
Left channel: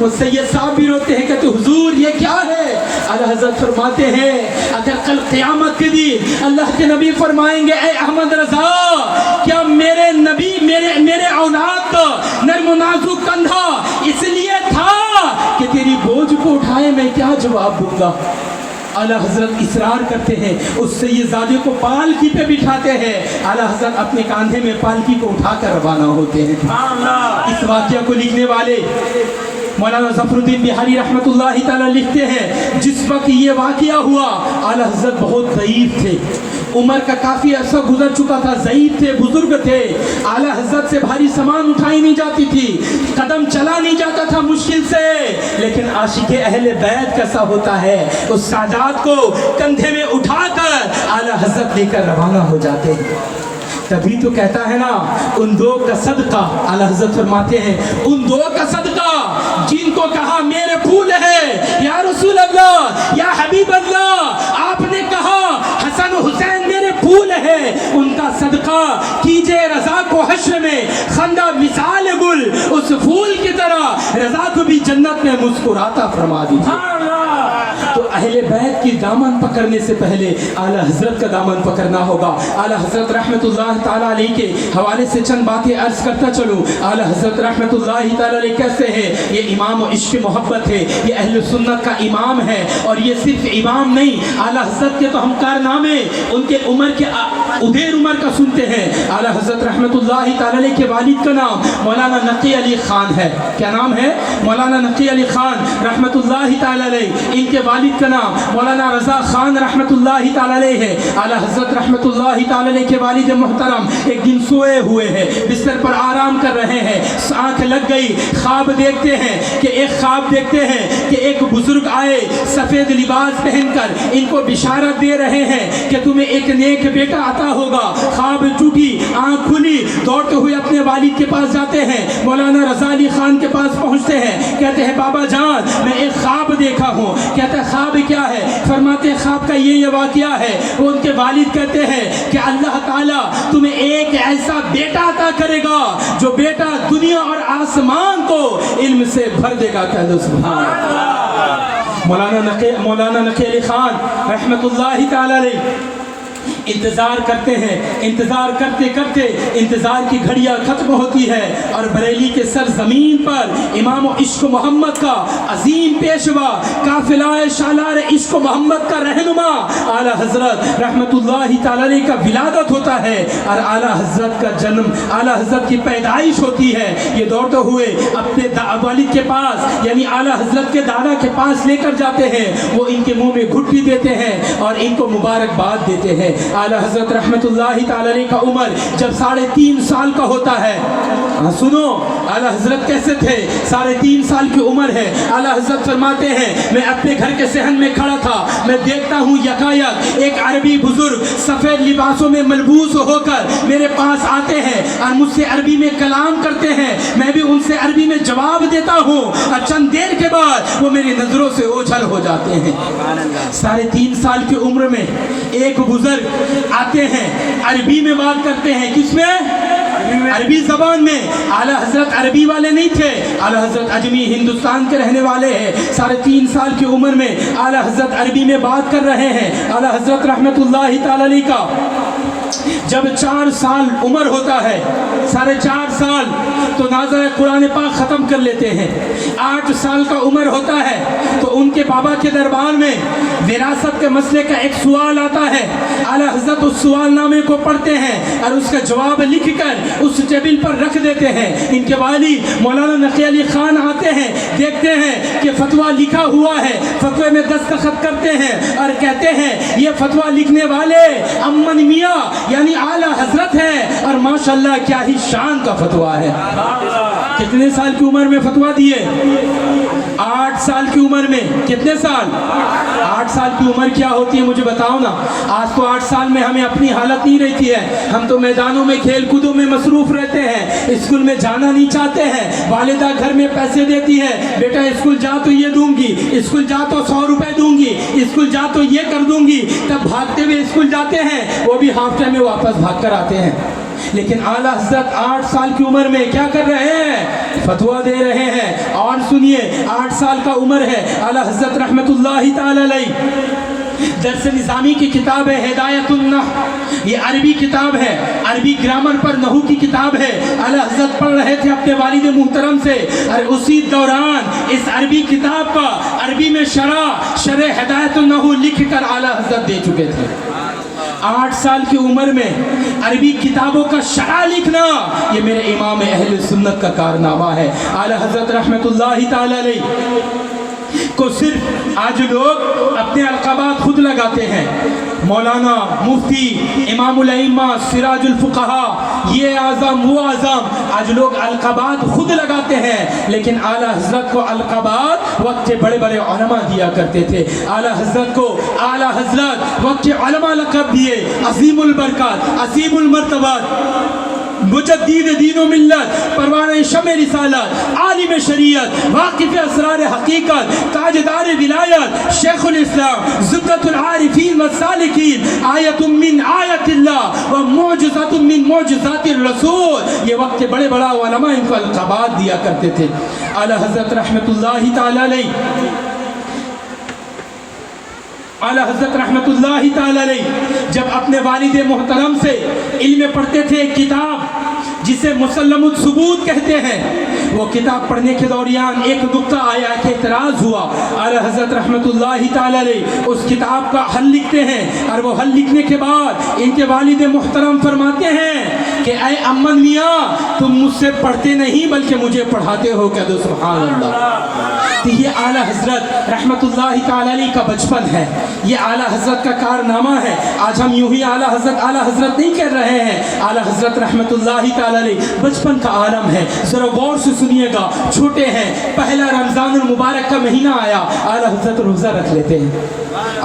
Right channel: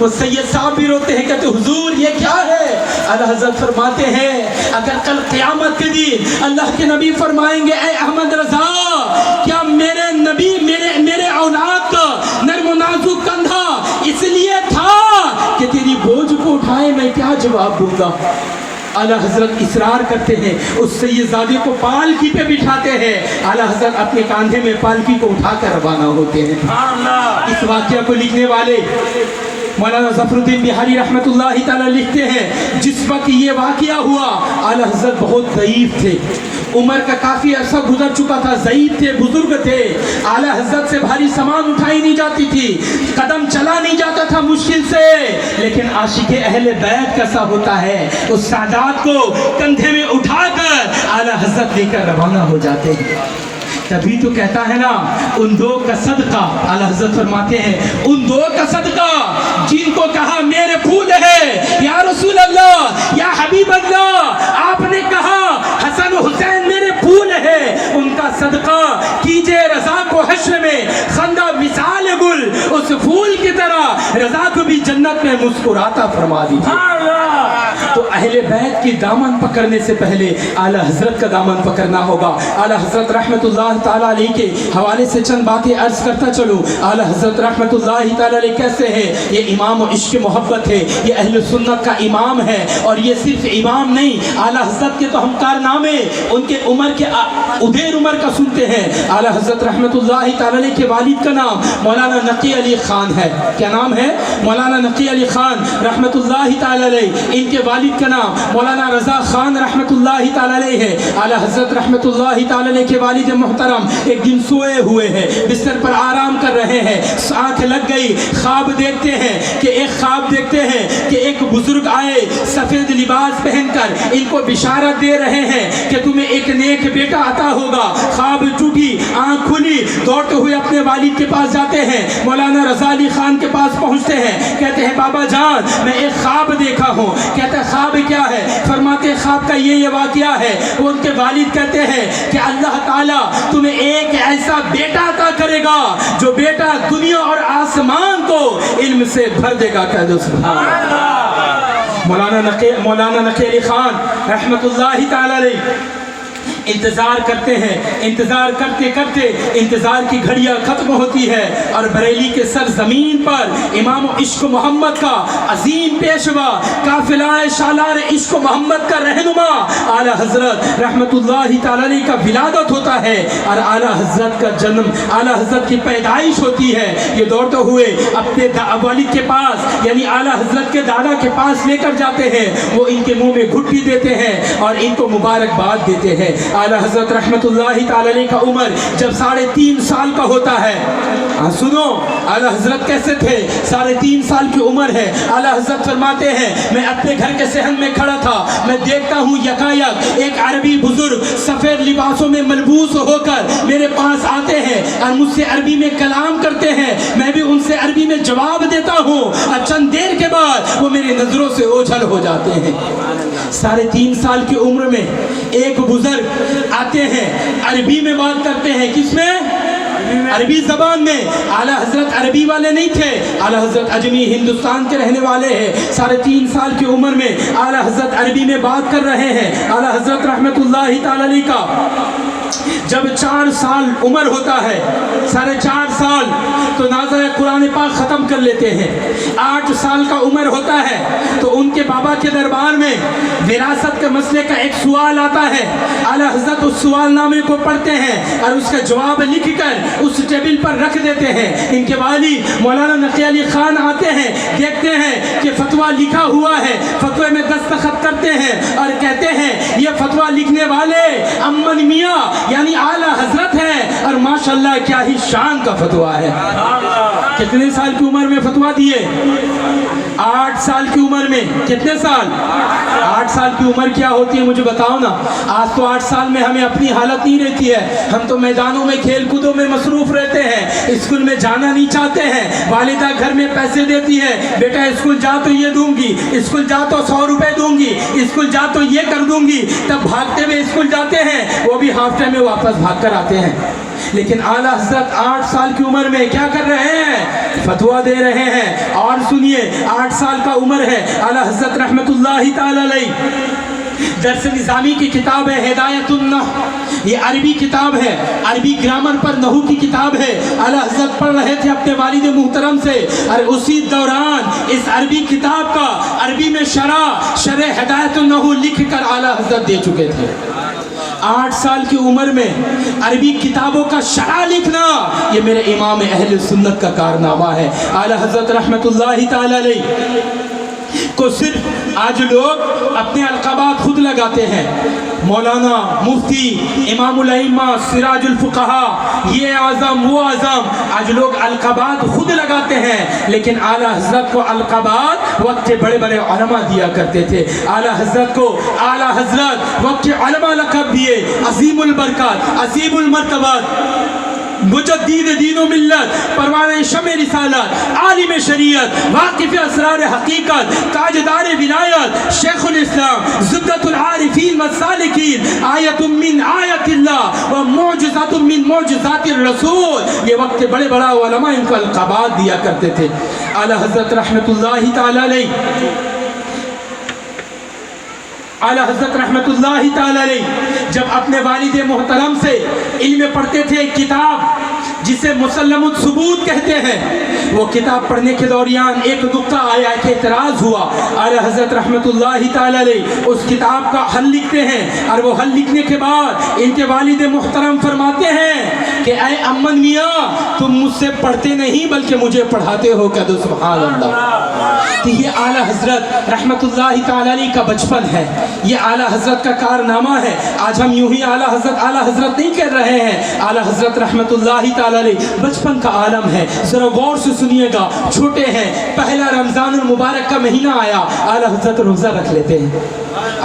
وہ سید صاحب بھی روتے ہیں، کہتے حضور یہ کیا ہے؟ اعلیٰ حضرت فرماتے ہیں اگر کل قیامت کے دن اللہ کے نبی فرمائیں گے اے احمد رضا، کیا میرے نبی میرے اولاد کا نرم و نازک کندھا اس لیے تھا کہ تیری بوجھ کو اٹھائے، میں کیا جواب دوں گا؟ اعلیٰ حضرت اصرار کرتے ہیں، اس سید زادے کو پالکی پہ بٹھاتے ہیں. اعلیٰ حضرت اپنے کاندھے میں پالکی کو اٹھا کر روانہ ہوتے ہیں. اس واقعہ کو لکھنے والے مولانا ظفر الدین بہاری رحمۃ اللہ تعالی لکھتے ہیں جس وقت یہ واقعہ ہوا اعلیٰ حضرت بہت ضعیف تھے، عمر کا کافی عرصہ گزر چکا تھا، ضعیف تھے، بزرگ تھے. اعلیٰ حضرت سے بھاری سامان اٹھائی نہیں جاتی تھی، قدم چلا نہیں جاتا تھا مشکل سے. لیکن عاشق اہل بیت کیسا ہوتا ہے، اس سادات کو کندھے میں اٹھا کر اعلیٰ حضرت لے کر روانہ ہو جاتے ہیں. تبھی تو کہتا ہے نا ان دو کا صدقہ. اعلیٰ حضرت فرماتے ہیں ان دو کا صدقہ جن کو کہا میرے پھول ہے یا رسول اللہ یا حبیب اللہ، آپ نے کہا حسن حسین میرے پھول ہے، ان کا صدقہ کیجئے رضا کو حشر میں خندہ مثال گل، اس پھول کی طرح رضا کو بھی جنت میں مسکراتا فرما دیجئے. تو اہل بیت کی دامن پکڑنے سے پہلے اعلیٰ حضرت کا دامن پکڑنا ہوگا. اعلیٰ حضرت رحمت اللہ تعالیٰ علیہ کے حوالے سے چند باتیں عرض کرتا چلوں. اعلیٰ حضرت رحمت اللہ تعالیٰ علیہ کیسے ہیں؟ یہ امام و عشق محبت ہے، یہ اہل سنت کا امام ہے. اور یہ صرف امام نہیں، اعلیٰ حضرت کے تو ہم کارنامے ان کے عمر کے ادھیر عمر کا سنتے ہیں. اعلیٰ حضرت رحمت اللہ تعالیٰ علیہ کے والد کا نام مولانا نقی علی خان ہے. کیا نام ہے؟ مولانا نقی علی خان رحمت اللہ تعالیٰ علیہ. ان کے والد کا نام مولانا رضا خان رحمت اللہ تعالیٰ علیہ ہے. اعلیٰ حضرت رحمت اللہ تعالیٰ علیہ کے والد محترم ایک دن سوئے ہوئے ہیں، بستر پر آرام کر رہے ہیں، آنکھ لگ گئی، خواب دیکھتے ہیں کہ ایک بزرگ آئے سفید لباس پہن کر ان کو بشارت دے رہے ہیں کہ تمہیں ایک نیک بیٹا عطا ہوگا. خواب ٹوٹی، آنکھ کھلی، دوڑتے ہوئے اپنے والد کے پاس جاتے ہیں، مولانا رضا علی خان کے پاس پہنچتے ہیں، کہتے ہیں بابا جان میں ایک خواب دیکھا ہوں. کہتے ہیں خواب کیا ہے؟ فرماتے ہیں خواب کا یہ واقعہ ہے. ان کے والد کہتے ہیں کہ اللہ تعالیٰ تمہیں ایک ایسا بیٹا عطا کرے گا جو بیٹا دنیا اور آسمان کو علم سے بھر دے گا. کہہ دو سبحان اللہ. مولانا نقی علی خان رحمت اللہ تعالی علیہ انتظار کرتے ہیں، انتظار کرتے کرتے انتظار کی گھڑیاں ختم ہوتی ہے اور بریلی کے سرزمین پر امام عشق محمد کا عظیم پیشوا، قافلہ سالار عشق محمد کا رہنما اعلیٰ حضرت رحمت اللہ تعالی علیہ کا ولادت ہوتا ہے اور اعلیٰ حضرت کا جنم، اعلیٰ حضرت کی پیدائش ہوتی ہے۔ یہ دوڑتے ہوئے اپنے والد کے پاس یعنی اعلیٰ حضرت کے دادا کے پاس لے کر جاتے ہیں، وہ ان کے منہ میں گھٹی دیتے ہیں اور ان کو مبارکباد دیتے ہیں۔ اعلیٰ حضرت رحمت اللہ تعالی علیہ کا عمر جب 3.5 سال کا ہوتا ہے، سنو اعلیٰ حضرت کیسے تھے، 3.5 سال کی عمر ہے۔ اعلیٰ حضرت فرماتے ہیں میں اپنے گھر کے صحن میں کھڑا تھا، میں دیکھتا ہوں یکایک ایک عربی بزرگ سفید لباسوں میں ملبوس ہو کر میرے پاس آتے ہیں اور مجھ سے عربی میں کلام کرتے ہیں، میں بھی ان سے عربی میں جواب دیتا ہوں اور چند دیر کے بعد وہ میری نظروں سے اوجھل ہو جاتے ہیں۔ 3.5 سال کی عمر میں ایک بزرگ آتے ہیں، عربی میں بات کرتے ہیں، کس میں؟ عربی زبان میں۔ اعلیٰ حضرت عربی والے نہیں تھے، اعلیٰ حضرت اجمی ہندوستان کے رہنے والے ہیں۔ 3.5 سال کی عمر میں اعلیٰ حضرت عربی میں بات کر رہے ہیں۔ اعلیٰ حضرت رحمت اللہ تعالی علیہ کا جب 4 سال عمر ہوتا ہے، 4.5 سال تو نازل قرآن پاک ختم کر لیتے ہیں۔ 8 سال کا عمر ہوتا ہے تو ان کے بابا کے دربار میں وراثت کے مسئلے کا ایک سوال آتا ہے۔ اعلیٰ حضرت اس سوال نامے کو پڑھتے ہیں اور اس کا جواب لکھ کر اس ٹیبل پر رکھ دیتے ہیں۔ ان کے والد مولانا نقی علی خان آتے ہیں، دیکھتے ہیں کہ فتویٰ لکھا ہوا ہے، فتوے میں دستخط کرتے ہیں اور کہتے ہیں یہ فتویٰ لکھنے والے امن میاں یعنی اعلیٰ حضرت ہیں، اور ماشاءاللہ کیا ہی شان کا فتویٰ ہے۔ کتنے سال کی عمر میں فتویٰ دیے؟ 8 سال کی عمر میں۔ کتنے سال؟ 8 سال کی عمر کیا ہوتی ہے مجھے بتاؤ نا۔ آج تو 8 سال میں ہمیں اپنی حالت نہیں رہتی ہے، ہم تو میدانوں میں کھیل کودوں میں مصروف رہتے ہیں، اسکول میں جانا نہیں چاہتے ہیں، والدہ گھر میں پیسے دیتی ہے، بیٹا اسکول جا تو یہ دوں گی، اسکول جا تو 100 روپے دوں گی، اسکول جا تو یہ کر دوں گی، تب بھاگتے ہوئے اسکول جاتے ہیں، وہ بھی ہاف ٹائم میں واپس بھاگ کر آتے ہیں۔ لیکن اعلیٰ حضرت 8 سال کی عمر میں کیا کر رہے ہیں؟ فتویٰ دے رہے ہیں۔ اور سنیے 8 سال کا عمر ہے، اعلیٰ حضرت رحمت اللہ تعالی علیہ درس نظامی کی کتاب ہے ہدایت النحو، یہ عربی کتاب ہے، عربی گرامر پر نحو کی کتاب ہے۔ اعلیٰ حضرت پڑھ رہے تھے اپنے والد محترم سے اور اسی دوران اس عربی کتاب کا عربی میں شرح ہدایت النحو لکھ کر اعلیٰ حضرت دے چکے تھے۔ 8 سال کی عمر میں عربی کتابوں کا شرح لکھنا یہ میرے امام اہل سنت کا کارنامہ ہے۔ اعلیٰ حضرت رحمت اللہ تعالی علیہ کو صرف آج لوگ اپنے القابات خود لگاتے ہیں، مولانا، مفتی، امام الائمہ، سراج الفقہا، یہ اعظم وہ اعظم، آج لوگ القابات خود لگاتے ہیں، لیکن اعلیٰ حضرت کو القابات وقت کے بڑے بڑے علماء دیا کرتے تھے۔ اعلیٰ حضرت کو اعلیٰ حضرت وقت کے علماء لقب دیے، عظیم البرکات، عظیم المرتبات، مجدد دین و ملت، پروان شمع رسالت، عالم شریعت، واقف اسرار حقیقت، تاجدار ولایت، شیخ الاسلام، زبدۃ العارفین والسالکین، آیت من آیت اللہ و معجزات من معجزات الرسول، یہ وقت کے بڑے بڑا علماء ان کو القابات دیا کرتے تھے۔ اعلیٰ حضرت رحمت اللہ تعالی علیہ، اعلیٰ حضرت رحمت اللہ تعالی علیہ جب اپنے والد محترم سے علم پڑھتے تھے، ایک کتاب جسے مسلم الثبوت کہتے ہیں، وہ کتاب پڑھنے کے دوران ایک نقطہ آیا، ایک اعتراض ہوا۔ اعلیٰ حضرت رحمت اللہ تعالی علیہ اس کتاب کا حل لکھتے ہیں اور وہ حل لکھنے کے بعد ان کے والد محترم فرماتے ہیں کہ اے امن میاں تم مجھ سے پڑھتے نہیں بلکہ مجھے پڑھاتے ہو، کہہ دو سبحان اللہ۔ تو یہ اعلیٰ حضرت رحمت اللہ تعالی علیہ کا بچپن ہے، یہ اعلیٰ حضرت کا کارنامہ ہے۔ آج ہم یوں ہی اعلیٰ حضرت نہیں کہہ رہے ہیں، اعلیٰ حضرت رحمت اللہ تعالی علیہ بچپن کا عالم ہے۔ ذرا غور سے سنیے گا، چھوٹے ہیں، پہلا رمضان المبارک کا مہینہ آیا، اعلیٰ حضرت روزہ رکھ لیتے ہیں،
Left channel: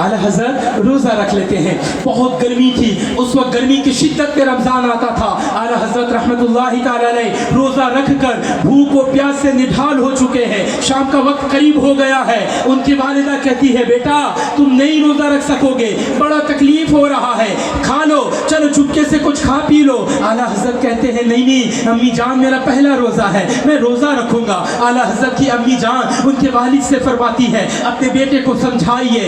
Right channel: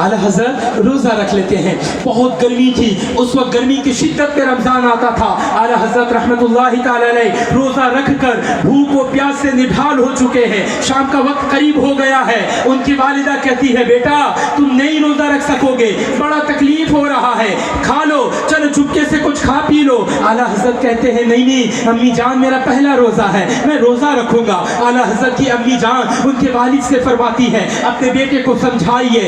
اعلیٰ حضرت روزہ رکھ لیتے ہیں۔ بہت گرمی تھی اس وقت، گرمی کی شدت میں رمضان آتا تھا، اعلیٰ حضرت رحمت اللہ تعالی علیہ روزہ رکھ کر بھوک و پیاس سے نڈھال ہو چکے ہیں، شام کا وقت قریب ہو گیا ہے۔ ان کی والدہ کہتی ہے بیٹا تم نہیں روزہ رکھ سکو گے، بڑا تکلیف ہو رہا ہے، کھا لو، چلو چپکے سے کچھ کھا پی لو۔ اعلیٰ حضرت کہتے ہیں نہیں امی جان میرا پہلا روزہ ہے، میں روزہ رکھوں گا۔ اعلیٰ حضرت کی امی جان ان کے والد سے فرماتی ہے اپنے بیٹے کو سمجھائیے،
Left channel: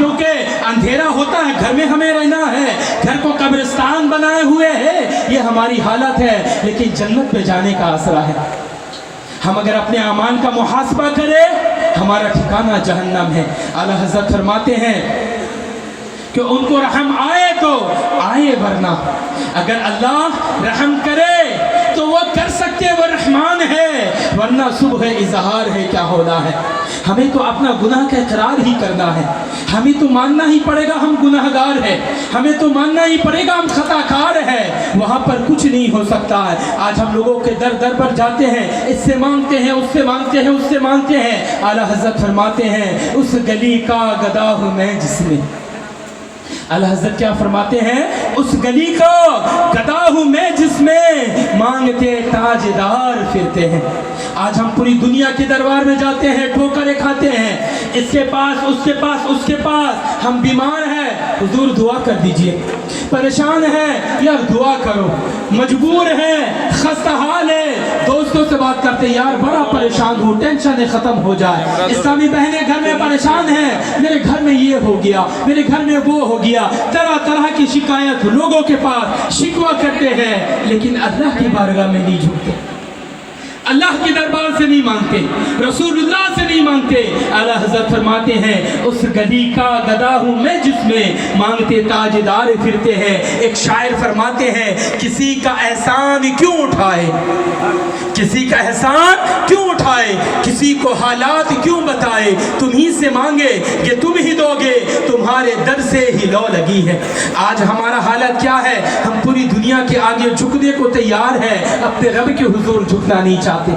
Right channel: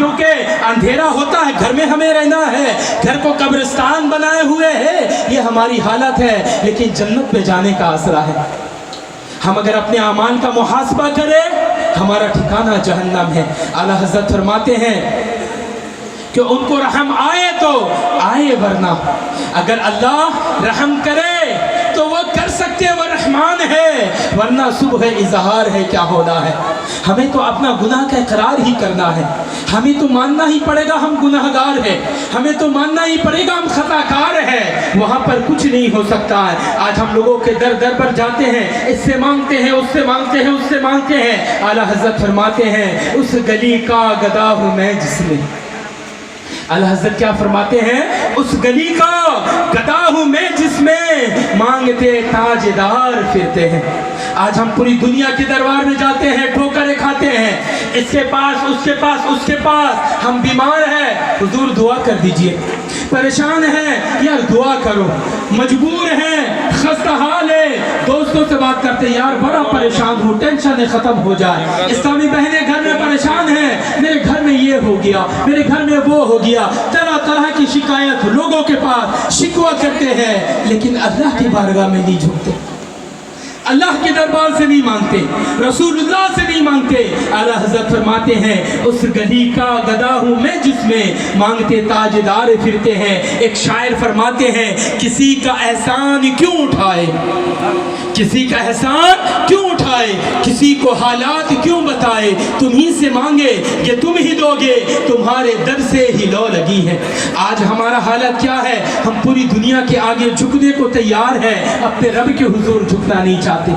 کیونکہ اندھیرا ہوتا ہے، گھر میں ہمیں رہنا ہے، گھر کو قبرستان بنائے ہوئے ہے، یہ ہماری حالت ہے، لیکن جنت پہ جانے کا آسرا ہے۔ ہم اگر اپنے اعمال کا محاسبہ کریں، ہمارا ٹھکانہ جہنم ہے۔ اعلیٰ حضرت فرماتے ہیں کہ ان کو رحم آئے تو آئے، ورنہ اگر اللہ رحم کرے تو وہ کر سکتے، وہ رحمان ہے، ورنہ صبح اظہار ہے کیا ہونا ہے۔ ہمیں تو اپنا گناہ کا اقرار ہی کرنا ہے، ہمیں تو ماننا ہی پڑے گا ہم گناہگار ہیں، ہمیں تو ماننا ہی پڑے گا ہم خطا کار ہیں، وہاں پر کچھ نہیں ہو سکتا ہے۔ آج ہم لوگوں کے در در پر جاتے ہیں، اس سے مانگتے ہیں، اس سے مانگتے ہیں، اس سے مانگتے ہیں۔ اعلیٰ حضرت فرماتے ہیں اس گلی کا گدا ہوں میں جس میں، اعلیٰ حضرت کیا فرماتے ہیں، اس گلی کا گدا ہوں میں جس میں مانگتے تاجدار پھرتے ہیں۔ آج ہم پوری دنیا کے دربار میں جاتے ہیں، ٹھوکریں کھاتے ہیں، اس کے پاس اس کے پاس اس کے پاس۔ ہم بیمار ہیں، حضور دعا کر دیجئے، پریشان ہیں، یار دعا کرو، مجبور ہیں، خستہ حال ہے، دوستوں سے بات کرتے ہیں، یار بڑا پریشان ہوں، ٹینشن ختم ہو جائے۔ اسلامی بہنیں گھر میں پریشان ہیں، میرے گھر میں یہ ہو گیا، میرے گھر میں وہ ہو گیا، طرح طرح کی شکایت لوگوں کے پاس شکوہ کرتے ہیں، لیکن اللہ کی بارگاہ میں نہیں جھکتے، اللہ کے دربار سے نہیں مانگتے، رسول اللہ سے نہیں مانگتے۔ اعلیٰ حضرت فرماتے ہیں اس گلی کا گدا ہوں میں جس میں مانگتے تاجدار پھرتے ہیں۔ ایک شاعر فرماتے ہیں کسی کا احسان کیوں اٹھائے، کسی کا احسان کیوں اٹھائے، کسی کو حالات کیوں بتائے، تم ہی سے مانگے کہ تم ہی دو گے، تمہارے در سے ہی لو لگی ہے۔ آج ہمارا حالت کیا ہے، ہم پوری دنیا کے آگے جھکنے کو تیار ہیں، اپنے رب کے حضور جھکنا نہیں چاہتے۔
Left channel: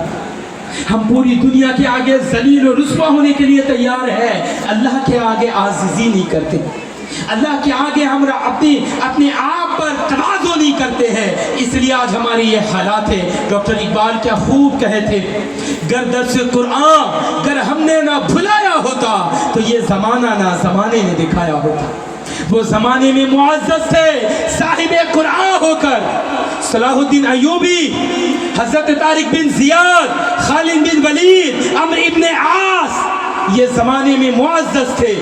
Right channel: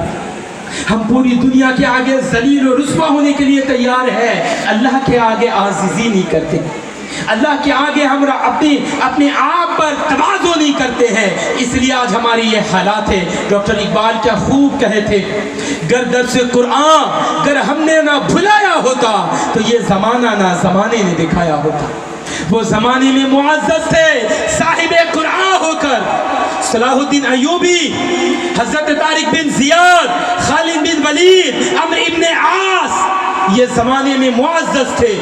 ہم پوری دنیا کے آگے ذلیل و رسوا ہونے کے لیے تیار ہیں، اللہ کے آگے عاجزی نہیں کرتے، اللہ کے آگے ہم اپنے آپ پر تواضع نہیں کرتے ہیں، اس لیے آج ہماری یہ حالات ہے۔ ڈاکٹر اقبال کیا خوب کہے تھے، گر درس قرآن گر ہم نے نہ بھلایا ہوتا تو یہ زمانہ نہ زمانے نے دکھایا ہوتا۔ وہ زمانے میں معزز تھے صاحب قرآن ہو کر، صلاح الدین ایوبی، حضرت طارق بن زیاد، خالد بن ولید، عمرو ابن عاص، یہ زمانے میں معزز تھے۔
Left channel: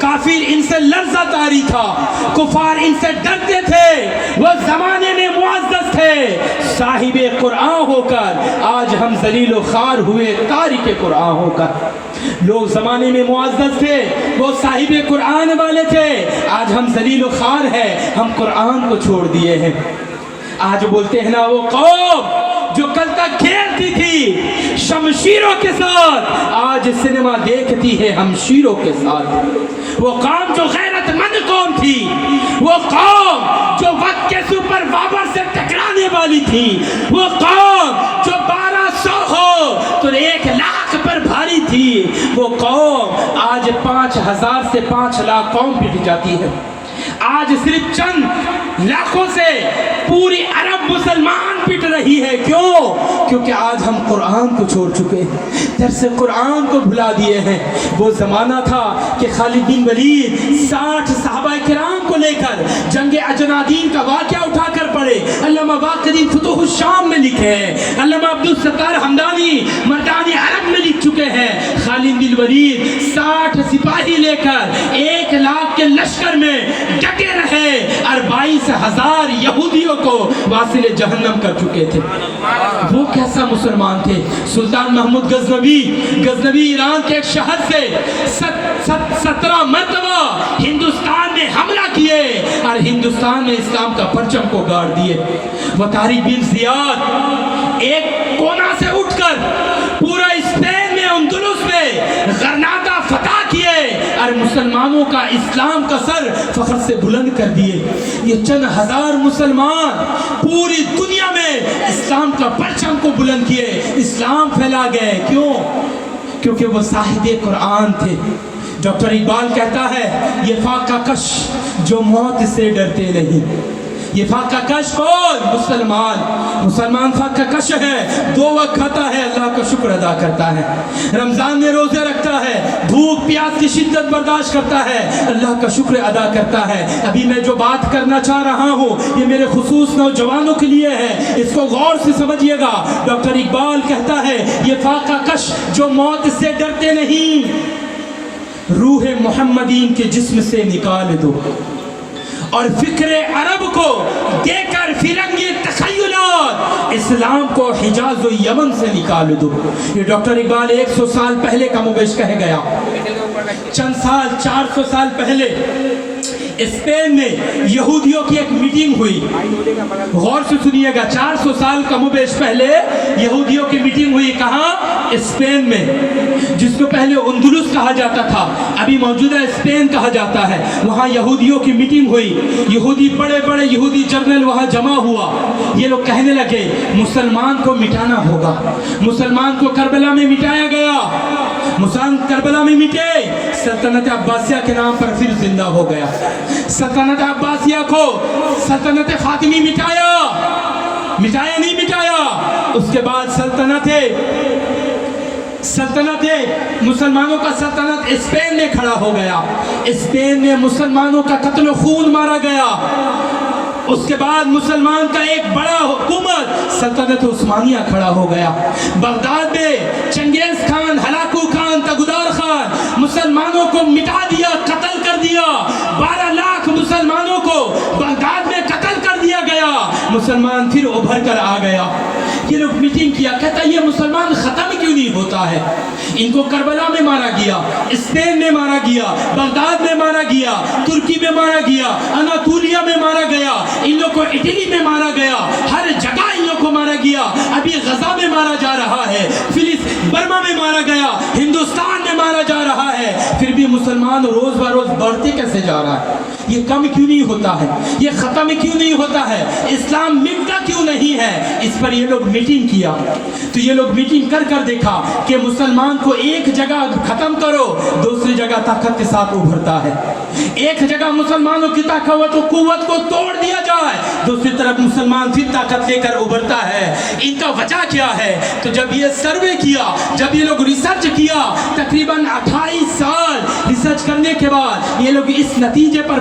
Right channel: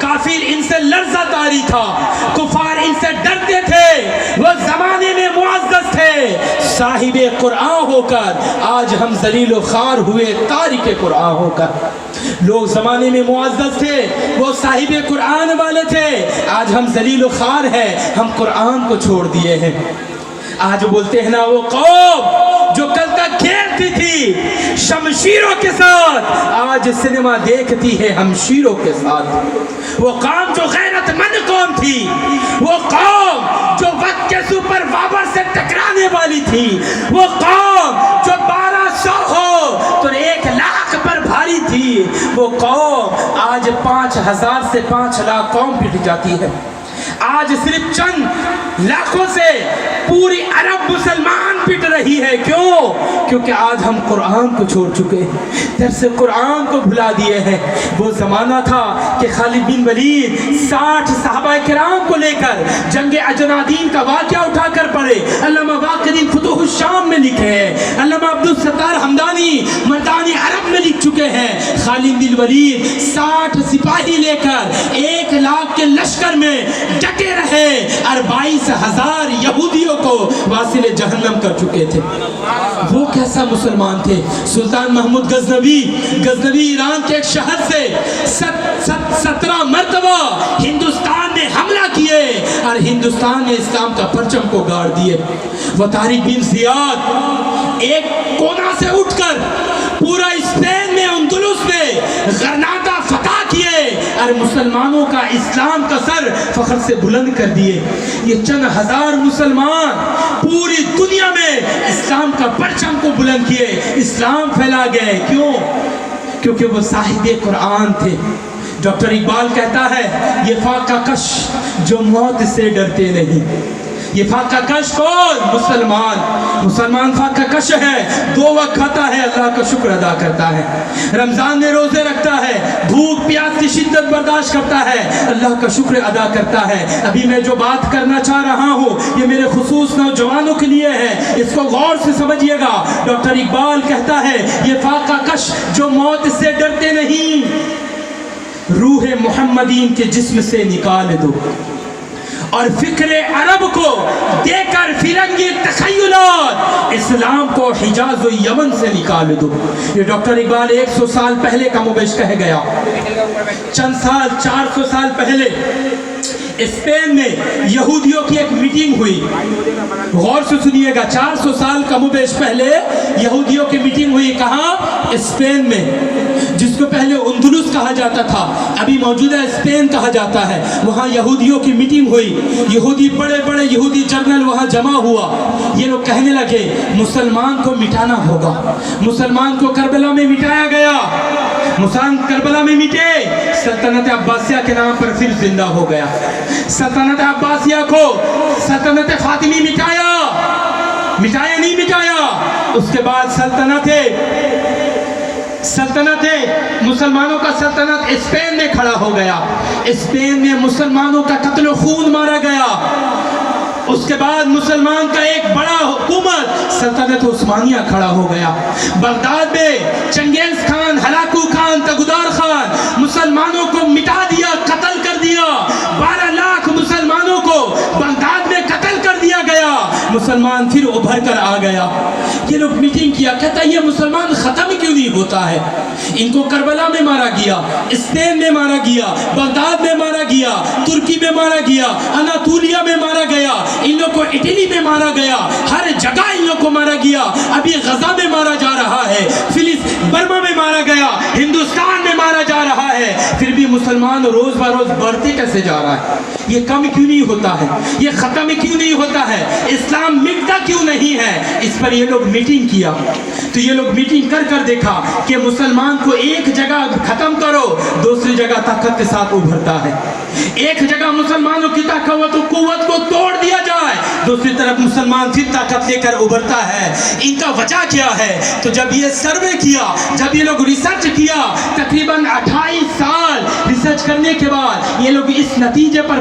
کافر ان سے لرزہ طاری تھا، کفار ان سے ڈرتے تھے، وہ زمانے میں معزز تھے۔ صاحب قرآن ہو کر آج ہم ذلیل و خوار ہوئے تارک قرآن ہو کر۔ لوگ زمانے میں معزز تھے، وہ صاحب قرآن والے تھے، آج ہم ذلیل و خوار ہیں، ہم قرآن کو چھوڑ دیے ہیں۔ آج بولتے ہیں نا وہ قوم جو کل تک کھیلتی تھی شمشیروں کے ساتھ، آج سینما دیکھتی ہے ہمشیروں کے ساتھ۔ وہ قوم جو غیرت مند قوم تھی، وہ قوم جو وقت کے سپر پاور سے ٹکرانے والی تھی، وہ قوم جو 1200 ہو تو 1,00,000 پر بھاری تھی، وہ قوم آج 5,000 سے 5,00,000 قوم پٹ جاتی ہے۔ آج صرف چند لاکھوں سے پوری عرب مسلمان پٹ رہی ہے۔ کیوں؟ کیونکہ آج ہم قرآن کو چھوڑ چکے ہیں، درس قرآن کو بھلا دیے ہیں۔ وہ زمانہ تھا کہ خالد بن ولید 60 صحابہ کرام کو لے کر جنگ اجنادین کا واقعہ اٹھا کر پڑھے۔ علامہ باقری فتوح الشام میں لکھے ہیں، علامہ عبدالستار حمدانی مردان عرب میں لکھ چکے ہیں۔ خالد بن ولید 60 سپاہی لے کر 1,00,000 کے لشکر میں ڈٹے رہے اور 22,000 یہودیوں کو واصل جہنم کر چکے تھے۔ وہ کیسا مسلمان تھے؟ سلطان محمود غزنوی ایران کے ایک شہر سے 17 مرتبہ ہندوستان میں حملہ کیے اور ہندوستان میں اسلام کا پرچم کو گاڑ دیے۔ وہ طارق بن زیاد ایک کونا سے اٹھ کر پورا اسپین میں، اندلس میں غرناطہ فتح کیے اور مسلمانوں کا اسلام کا سر فخر سے بلند کر دیے۔ یہ چند ہزار مسلمان پوری دنیا میں اسلام کا پرچم کو بلند کیے، اسلام پھیلا گئے۔ کیوں؟ کیونکہ وہ صاحب قرآن تھے۔ ڈاکٹر اقبال کہتا ہے یہ فاقہ کش جو موت سے ڈرتے نہیں۔ یہ فاقہ کش کون؟ مسلمان فاقہ کش ہے، 2 وقت کھاتا ہے، اللہ کا شکر ادا کرتا ہے، رمضان میں روزے رکھتا ہے، بھوک پیاس کی شدت برداشت کرتا ہے، اللہ کا شکر ادا کرتا ہے۔ ابھی میں جو بات کرنا چاہ رہا ہوں یہ میرے خصوص نوجوانوں کے لیے ہے، اس کو غور سے سمجھیے گا۔ ڈاکٹر اقبال کہتا ہے یہ فاقہ کش جو موت سے ڈرتے نہیں، روح محمدی ان کے جسم سے نکال دو اور فکر عرب کو دے کر فرنگی تخیلات اسلام کو حجاز و یمن سے نکال دو. یہ ڈاکٹر اقبال 100 سال پہلے کا مبیش کہہ گیا. چند سال 400 سال پہلے اسپین میں یہودیوں کی ایک میٹنگ ہوئی. غور سے سنیے گا, 400 سال کا مبیش پہلے یہودیوں کی میٹنگ ہوئی. کہاں؟ اسپین میں, جس کو پہلے اندلس کہا جاتا تھا, ابھی موجودہ اسپین کہا جاتا ہے. وہاں یہودیوں کی میٹنگ ہوئی. یہودی بڑے بڑے یہودی جنرل وہاں جمع ہوا. یہ لوگ کہنے لگے مسلمان کو مٹانا ہوگا. مسلمان کو کربلا میں مٹایا گیا. مسلمان کربلا میں مٹے, سلطنت عباسیہ کے نام پر پھر زندہ ہو گیا. سلطنت عباسیہ کو سلطنت فاطمی مٹایا نہیں مٹایا. اس کے بعد سلطنت مسلمانوں کا سلطنت اسپین میں کھڑا ہو گیا. اسپین میں مسلمانوں کا قتل و خون مارا گیا. اس کے بعد مسلمان کا ایک بڑا حکومت سلطنت عثمانیہ کھڑا ہو گیا. بغداد میں چنگیز خان, ہلاکو خان, تگودار خان مسلمانوں کو مٹا دیا, قتل کر دیا. 12 لاکھ مسلمانوں کو بغداد میں قتل کر دیا گیا. مسلمان پھر ابھر کر آ گیا. یہ لوگ میٹنگ کیا, کہتا یہ مسلمان ختم کیوں نہیں ہوتا ہے؟ ان کو کربلا میں مارا گیا, اسپین میں مارا گیا, بغداد میں مارا گیا, ترکی میں مارا گیا, اناطولیہ میں مارا گیا, ان لوگ کو اٹلی میں مارا گیا, ہر جگہ ان لوگ کو مارا گیا. ابھی غزہ میں مارا جا رہا ہے, برما میں مارا گیا, ہندوستان میں مارا جا رہا ہے. پھر بھی مسلمان روز بروز بڑھتے کیسے جا رہا ہے؟ یہ کم کیوں نہیں ہوتا ہے؟ یہ ختم کیوں نہیں ہوتا ہے؟ اسلام مٹتا کیوں نہیں ہے؟ اس پر یہ لوگ میٹنگ کیا. تو یہ لوگ میٹنگ کر کر دیکھا کہ مسلمان کو ایک جگہ ختم کرو, دوسری جگہ طاقت کے ساتھ ابھرتا ہے. ایک جگہ مسلمانوں کی طاقت و قوت کو توڑ دیا جائے, دوسری طرف مسلمان پھر طاقت لے کر ابھرتا ہے. ان کا وجہ کیا ہے؟ تو جب یہ سروے کیا, جب یہ لوگ ریسرچ کیا, تقریباً 28 سال ریسرچ کرنے کے بعد یہ لوگ اس نتیجے پر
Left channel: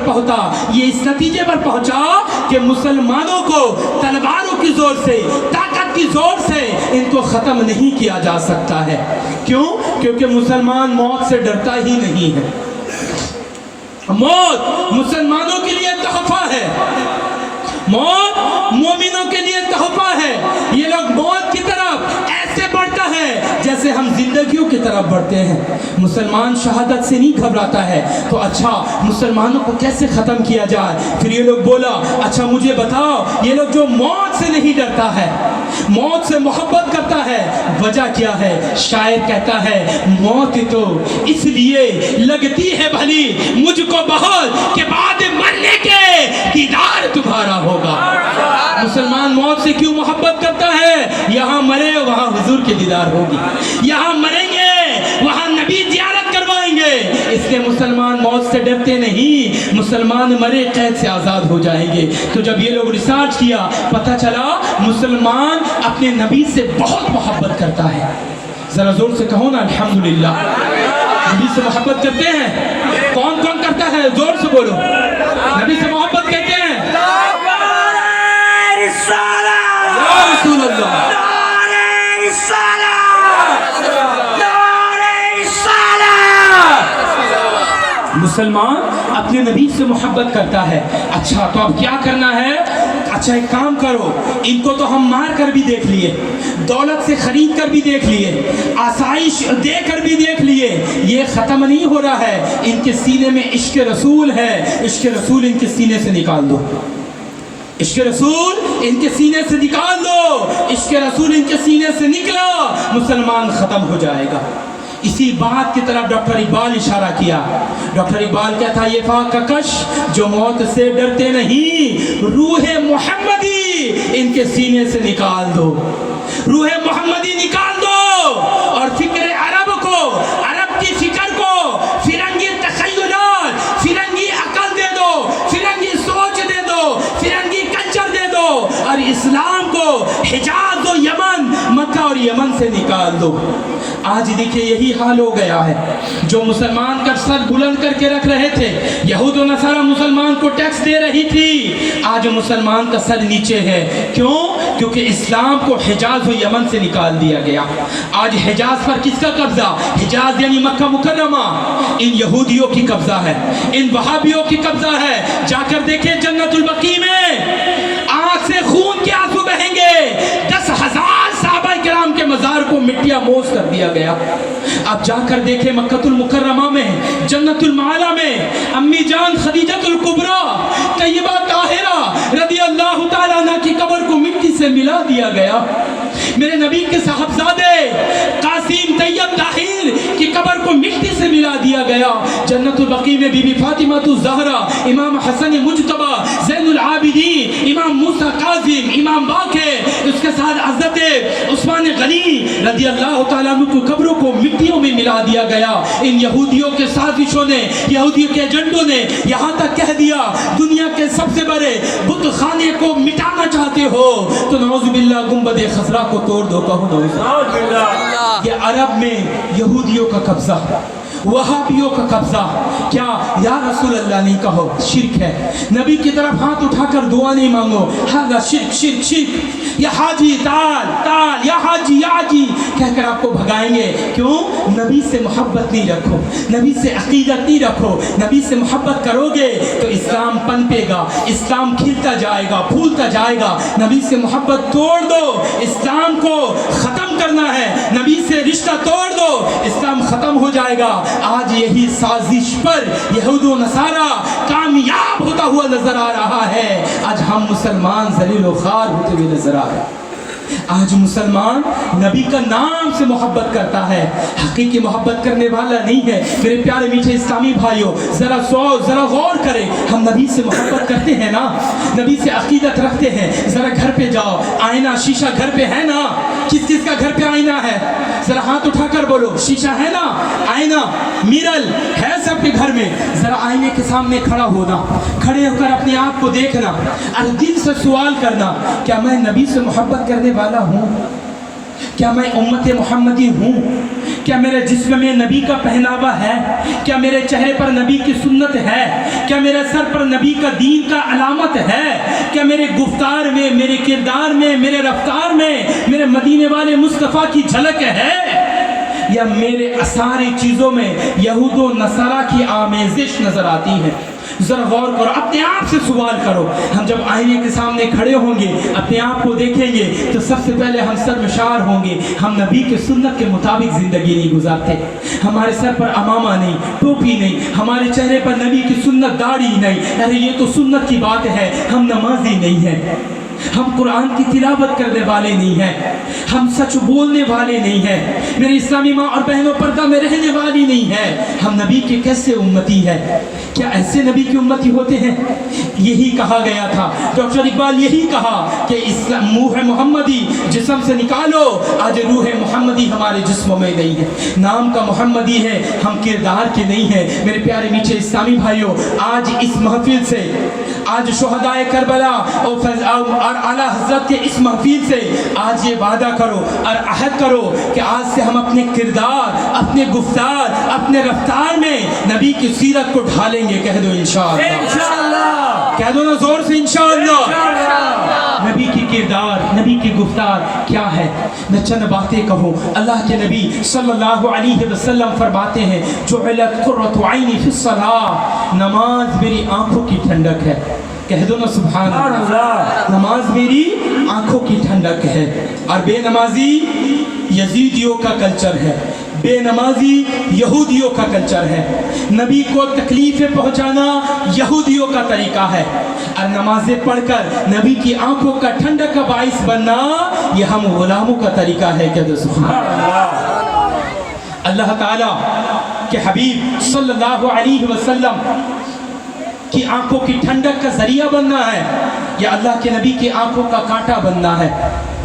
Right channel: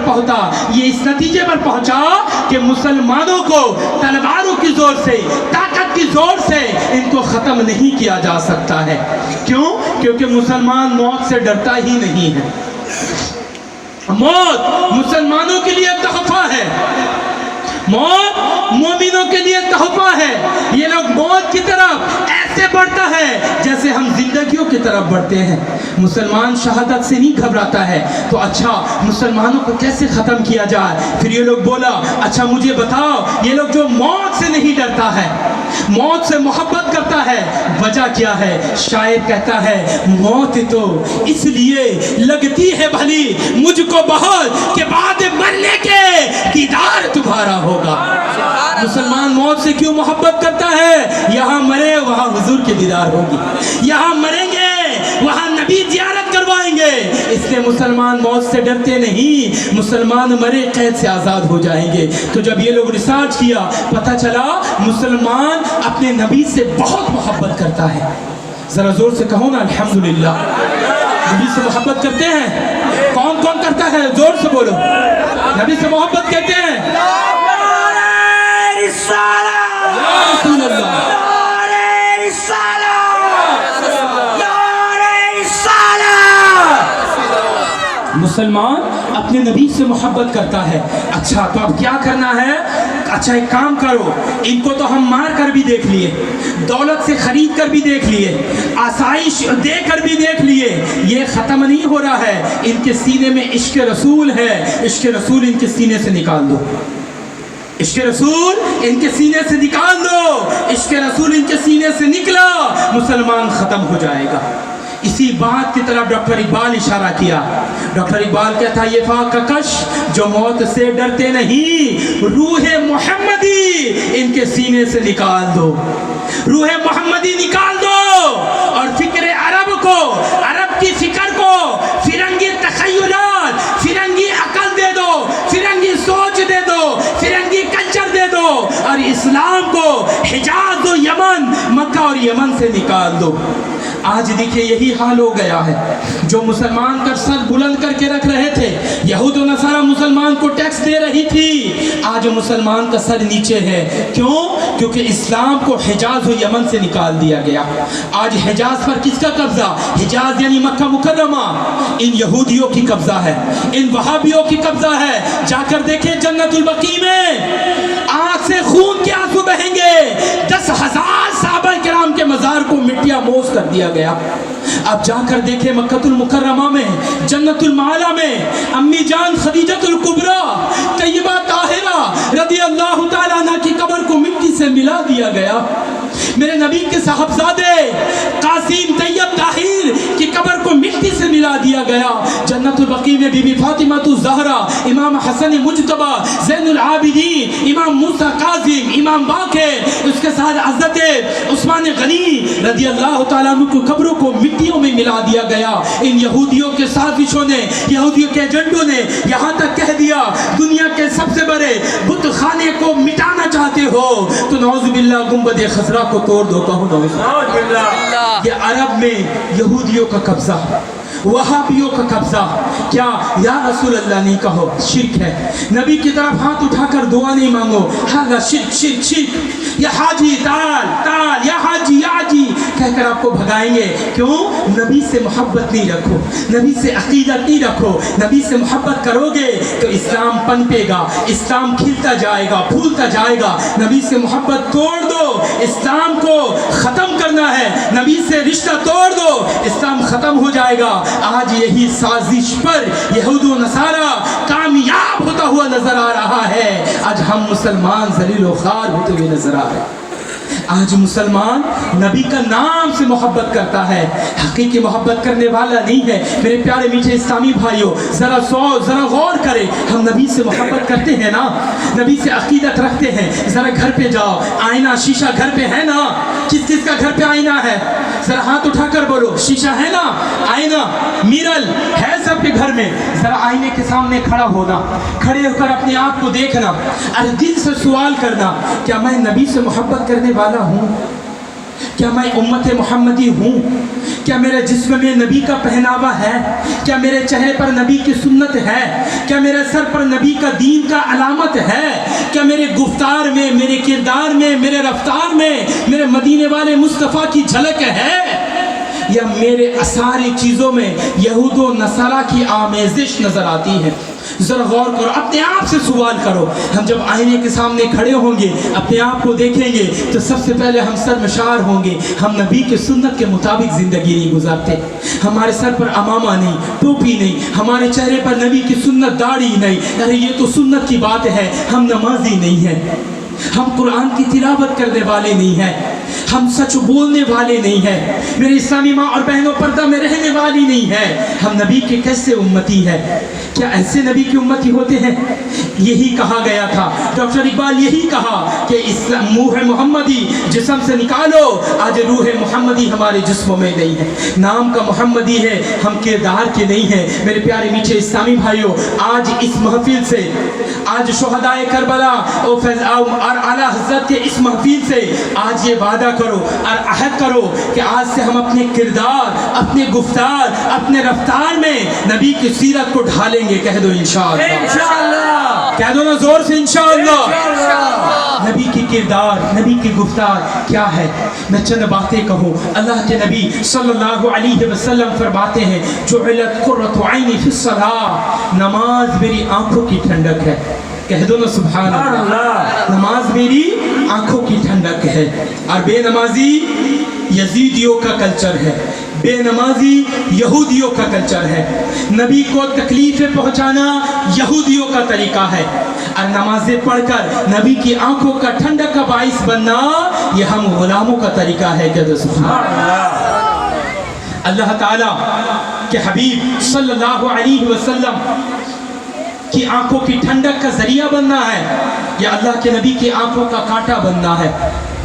پہنچا کہ مسلمانوں کو تلواروں کی زور سے, طاقت کی زور سے ان کو ختم نہیں کیا جا سکتا ہے. کیوں؟ کیونکہ مسلمان موت سے ڈرتا ہی نہیں ہے. موت مسلمانوں کے لیے تحفہ ہے, موت مومنوں کے لیے تحفہ ہے. یہ لوگ موت کی طرف ایسے بڑھتا ہے جیسے ہم زندگیوں کی طرف بڑھتے ہیں. مسلمان شہادت سے نہیں گھبراتا ہے. تو اچھا مسلمانوں کو کیسے ختم کیا جائے؟ پھر یہ لوگ بولا اچھا مجھے بتاؤ, یہ لوگ جو موت سے نہیں ڈرتا ہے, موت سے محبت کرتا ہے, وجہ کیا ہے؟ شاعر کہتا ہے موت تو اس لیے لگتی ہے بھلی مجھ کو بہت کہ بعد مرنے کے دیدار تمہارا ہوگا. مسلمان موت سے کیوں محبت کرتا ہے؟ یہاں مرے وہاں حضور کے دیدار ہوگی, یہاں مریں گے وہاں نبی زیارت کروائیں گے. اس لیے مسلمان موت سے ڈرتے نہیں, مسلمان مرے قید سے آزاد ہو جائیں گے. تو جب یہ لوگ ریسرچ کیا, پتہ چلا مسلمان اپنے نبی سے بہت محبت کرتا ہے. ذرا زور سے کہو نا الحمدللہ. نبی سے محبت کرتے ہیں؟ کون کون کرتا ہے؟ زور سے بولو. نبی سے محبت کرتے ہیں؟ یا رسول اللہ, مسلمان اپنے نبی سے محبت کرتا ہے. اچھا تو اب کیا کرنا ہے؟ اچھا ایک کام کرو, ان کو تو ہم مار کر بھی دیکھ لیے, دولت سے خرید کر بھی دیکھ لیے, آسائش دے کر بھی دیکھ لیے, یہ ختم نہیں ہو رہا ہے. ان کے سینے میں عشق رسول ہے, عشق رسول ان کے سینے سے نکال دو, عشق رسول ان کے سینے سے نکال دو. عشق رسول ان کے سینے سے نکلا, مسلمان ختم ہو جائے گا. اسی بات کی طرف ڈاکٹر اقبال اشارہ کیا. ڈاکٹر اقبال کہتا یہ فاقہ کش جو موت سے ڈرتے نہیں, روح محمدی ان کے سینے سے نکال دو, روح محمدی نکال دو. اور فکر عرب کو, عرب کی فکر کو فرنگی تخیلات, فرنگی عقل دے دو, فرنگی سوچ دے دو, فرنگی کلچر دے دو, اور اسلام کو حجاز و یمن, مکہ اور یمن سے نکال دو. آج دیکھیے یہی حال ہو گیا ہے. جو مسلمان کا سر بلند کر کے رکھ رہے تھے, یہود و نصارہ مسلمان کو ٹیکس دے رہی تھی, آج مسلمان کا سر نیچے ہے. کیوں؟ کیونکہ اسلام کو حجاز و یمن سے نکال دیا گیا. آج حجاز پر کس کا قبضہ؟ حجاز یعنی مکہ مکرمہ ان یہودیوں کی قبضہ ہے, ان وہابیوں کی قبضہ ہے. جا کر دیکھیں جنت البقیع میں آنکھ سے خون کے آنسو بہیں گے. 10,000 صحابہ کرام کے مزار کو مٹیا موز کر دیا گیا. اب جا کر دیکھیں مکہ المکرمہ میں, جنت المعلی میں امی جان خدیجہ الکبریٰ طیبہ طاہرہ رضی اللہ تعالیٰ عنہ کی قبر کو مٹی سے ملا دیا گیا. میرے نبی کے صاحبزادے قاسم طیب طاہر کی قبر کو مٹی سے ملا دیا گیا. جنت البقیع میں بی بی فاطمہ الزہرا, امام حسن مجتبی, زین العابدین, امام موسیٰ کاظم, امام باقر, اس کے ساتھ حضرت عثمان غنی رضی اللہ تعالیٰ عنہ کی قبروں کو مٹیوں میں ملا دیا گیا. ان یہودیوں کے سازشوں نے, یہودیوں کے ایجنٹوں نے یہاں تک کہہ دیا دنیا کے سب سے بڑے بت خانے کو مٹانا چاہتے ہو تو نعوذ باللہ گنبد خضرا کو توڑ دو. کہو نعوذ باللہ. یہ عرب میں یہودیوں کا قبضہ, وہابیوں کا قبضہ. کیا یا رسول اللہ نہیں کہو, شرک ہے. نبی کی طرف ہاتھ اٹھا کر دعا نہیں مانگو, ہاں شرک شرک شرک. یا حاجی تال تال, یا حاجی یا حاجی کہہ کر آپ کو بھگائیں گے. کیوں؟ نبی سے محبت نہیں رکھو, نبی سے عقیدت نہیں رکھو. نبی سے محبت کرو گے تو اسلام پنپے گا, اسلام کھلتا جائے گا, پھولتا جائے گا. نبی سے محبت توڑ دو, اسلام کو ختم کرنا ہے. نبی سے رشتہ توڑ دو, اسلام ختم ہو جائے گا. آج یہی سازش پر یہود و نصارہ کامیاب ہوتا ہوا نظر آ رہا ہے. آج ہم مسلمان ذلیل و خوار ہوتے ہوئے نظر آ رہے ہیں. آج مسلمان نبی کا نام سے محبت کرتا ہے, حقیقی محبت کرنے والا نہیں ہے. میرے پیارے میٹھے اسلامی بھائیوں, ذرا غور کریں. ہم نبی سے محبت کرتے ہیں نا, نبی سے عقیدت رکھتے ہیں. ذرا گھر پہ جاؤ, آئینہ شیشہ گھر پہ ہے نا؟ کس کس کا گھر پہ آئینہ ہے؟ ذرا ہاتھ اٹھا کر بولو. شیشہ ہے نا, آئینہ میرل ہے سب کے گھر میں. ذرا آئینے کے سامنے کھڑا ہونا, کھڑے ہو کر اپنی آنکھ کو دیکھنا, اور دل سے سوال کرنا, کیا میں نبی سے محبت کرنے والا ہوں؟ کیا میں امت محمدی ہوں؟ کیا میرے جسم میں نبی کا پہناوا ہے؟ کیا میرے چہرے پر نبی کی سنت ہے؟ کیا میرے سر پر نبی کا دین کا علامت ہے؟ کیا میرے گفتار میں, میرے کردار میں, میرے رفتار میں میرے مدینے والے مصطفیٰ کی جھلک ہے؟ یا میرے ساری چیزوں میں یہود و نصارہ کی آمیزش نظر آتی ہے؟ ذرا غور کرو, اپنے آپ سے سوال کرو. ہم جب آئینے کے سامنے کھڑے ہوں گے, اپنے آپ کو دیکھیں گے تو سب سے پہلے ہم سرمشار ہوں گے. ہم نبی کے سنت کے مطابق زندگی نہیں گزارتے. ہمارے سر پر امامہ نہیں, ٹوپی نہیں, ہمارے چہرے پر نبی کی سنت داڑھی نہیں. ارے یہ تو سنت کی بات ہے. ہم نمازی نہیں ہیں, ہم قرآن کی تلاوت کرنے والے نہیں ہیں, ہم سچ بولنے والے نہیں ہیں. میرے اسلامی ماں اور بہنوں, پردہ میں رہنے والی نہیں ہے. ہم نبی کے کیسے امتی ہے؟ کیا ایسے نبی کی امتی ہوتے ہیں؟ یہی کہا گیا تھا, ڈاکٹر اقبال یہی کہا کہ روح محمدی جسم سے نکالو. آج روح محمدی ہمارے جسموں میں نہیں ہے. نام کا محمدی ہے, ہم کردار کے نہیں ہیں. میرے پیارے میٹھے اسلامی بھائیوں, آج اس محفل سے, آج شہدائے کربلا اور اعلیٰ حضرت کے اس محفل سے آج یہ وعدہ کرو اور عہد کرو کہ آج سے ہم اپنے کردار, اپنے گفتار, اپنے رفتار میں نبی کی سیرت کو ڈھالیں گے. کہہ دو انشاءاللہ, کہہ دو نا زور سے انشاءاللہ. نبی کی کردار, نبی کی گفتار کیا ہے؟ میں چند باتیں کہوں. اللہ کے نبی صلی اللہ علیہ وسلم فرماتے ہیں, جعلت قرۃ عینی فی الصلاۃ, نماز میری آنکھوں کی ٹھنڈک ہے. کہہ دو نا سبحان اللہ. نماز میری آنکھوں کی ٹھنڈک ہے. اور بے نمازی یزیدیوں کا کلچر ہے, بے نمازی یہودیوں کا کلچر ہے. نبی کو تکلیفیں پہنچانا یہودیوں کا طریقہ ہے, اور نمازیں پڑھ کر نبی کی آنکھوں کا ٹھنڈک کا باعث بننا یہ ہم غلاموں کا طریقہ ہے. کہہ دو سبحان اللہ. اللہ تعالیٰ کے حبیب صلی اللہ علیہ وسلم کی آنکھوں کی ٹھنڈک کا ذریعہ بننا ہے, یا اللہ کے نبی کی آنکھوں کا کانٹا بننا ہے؟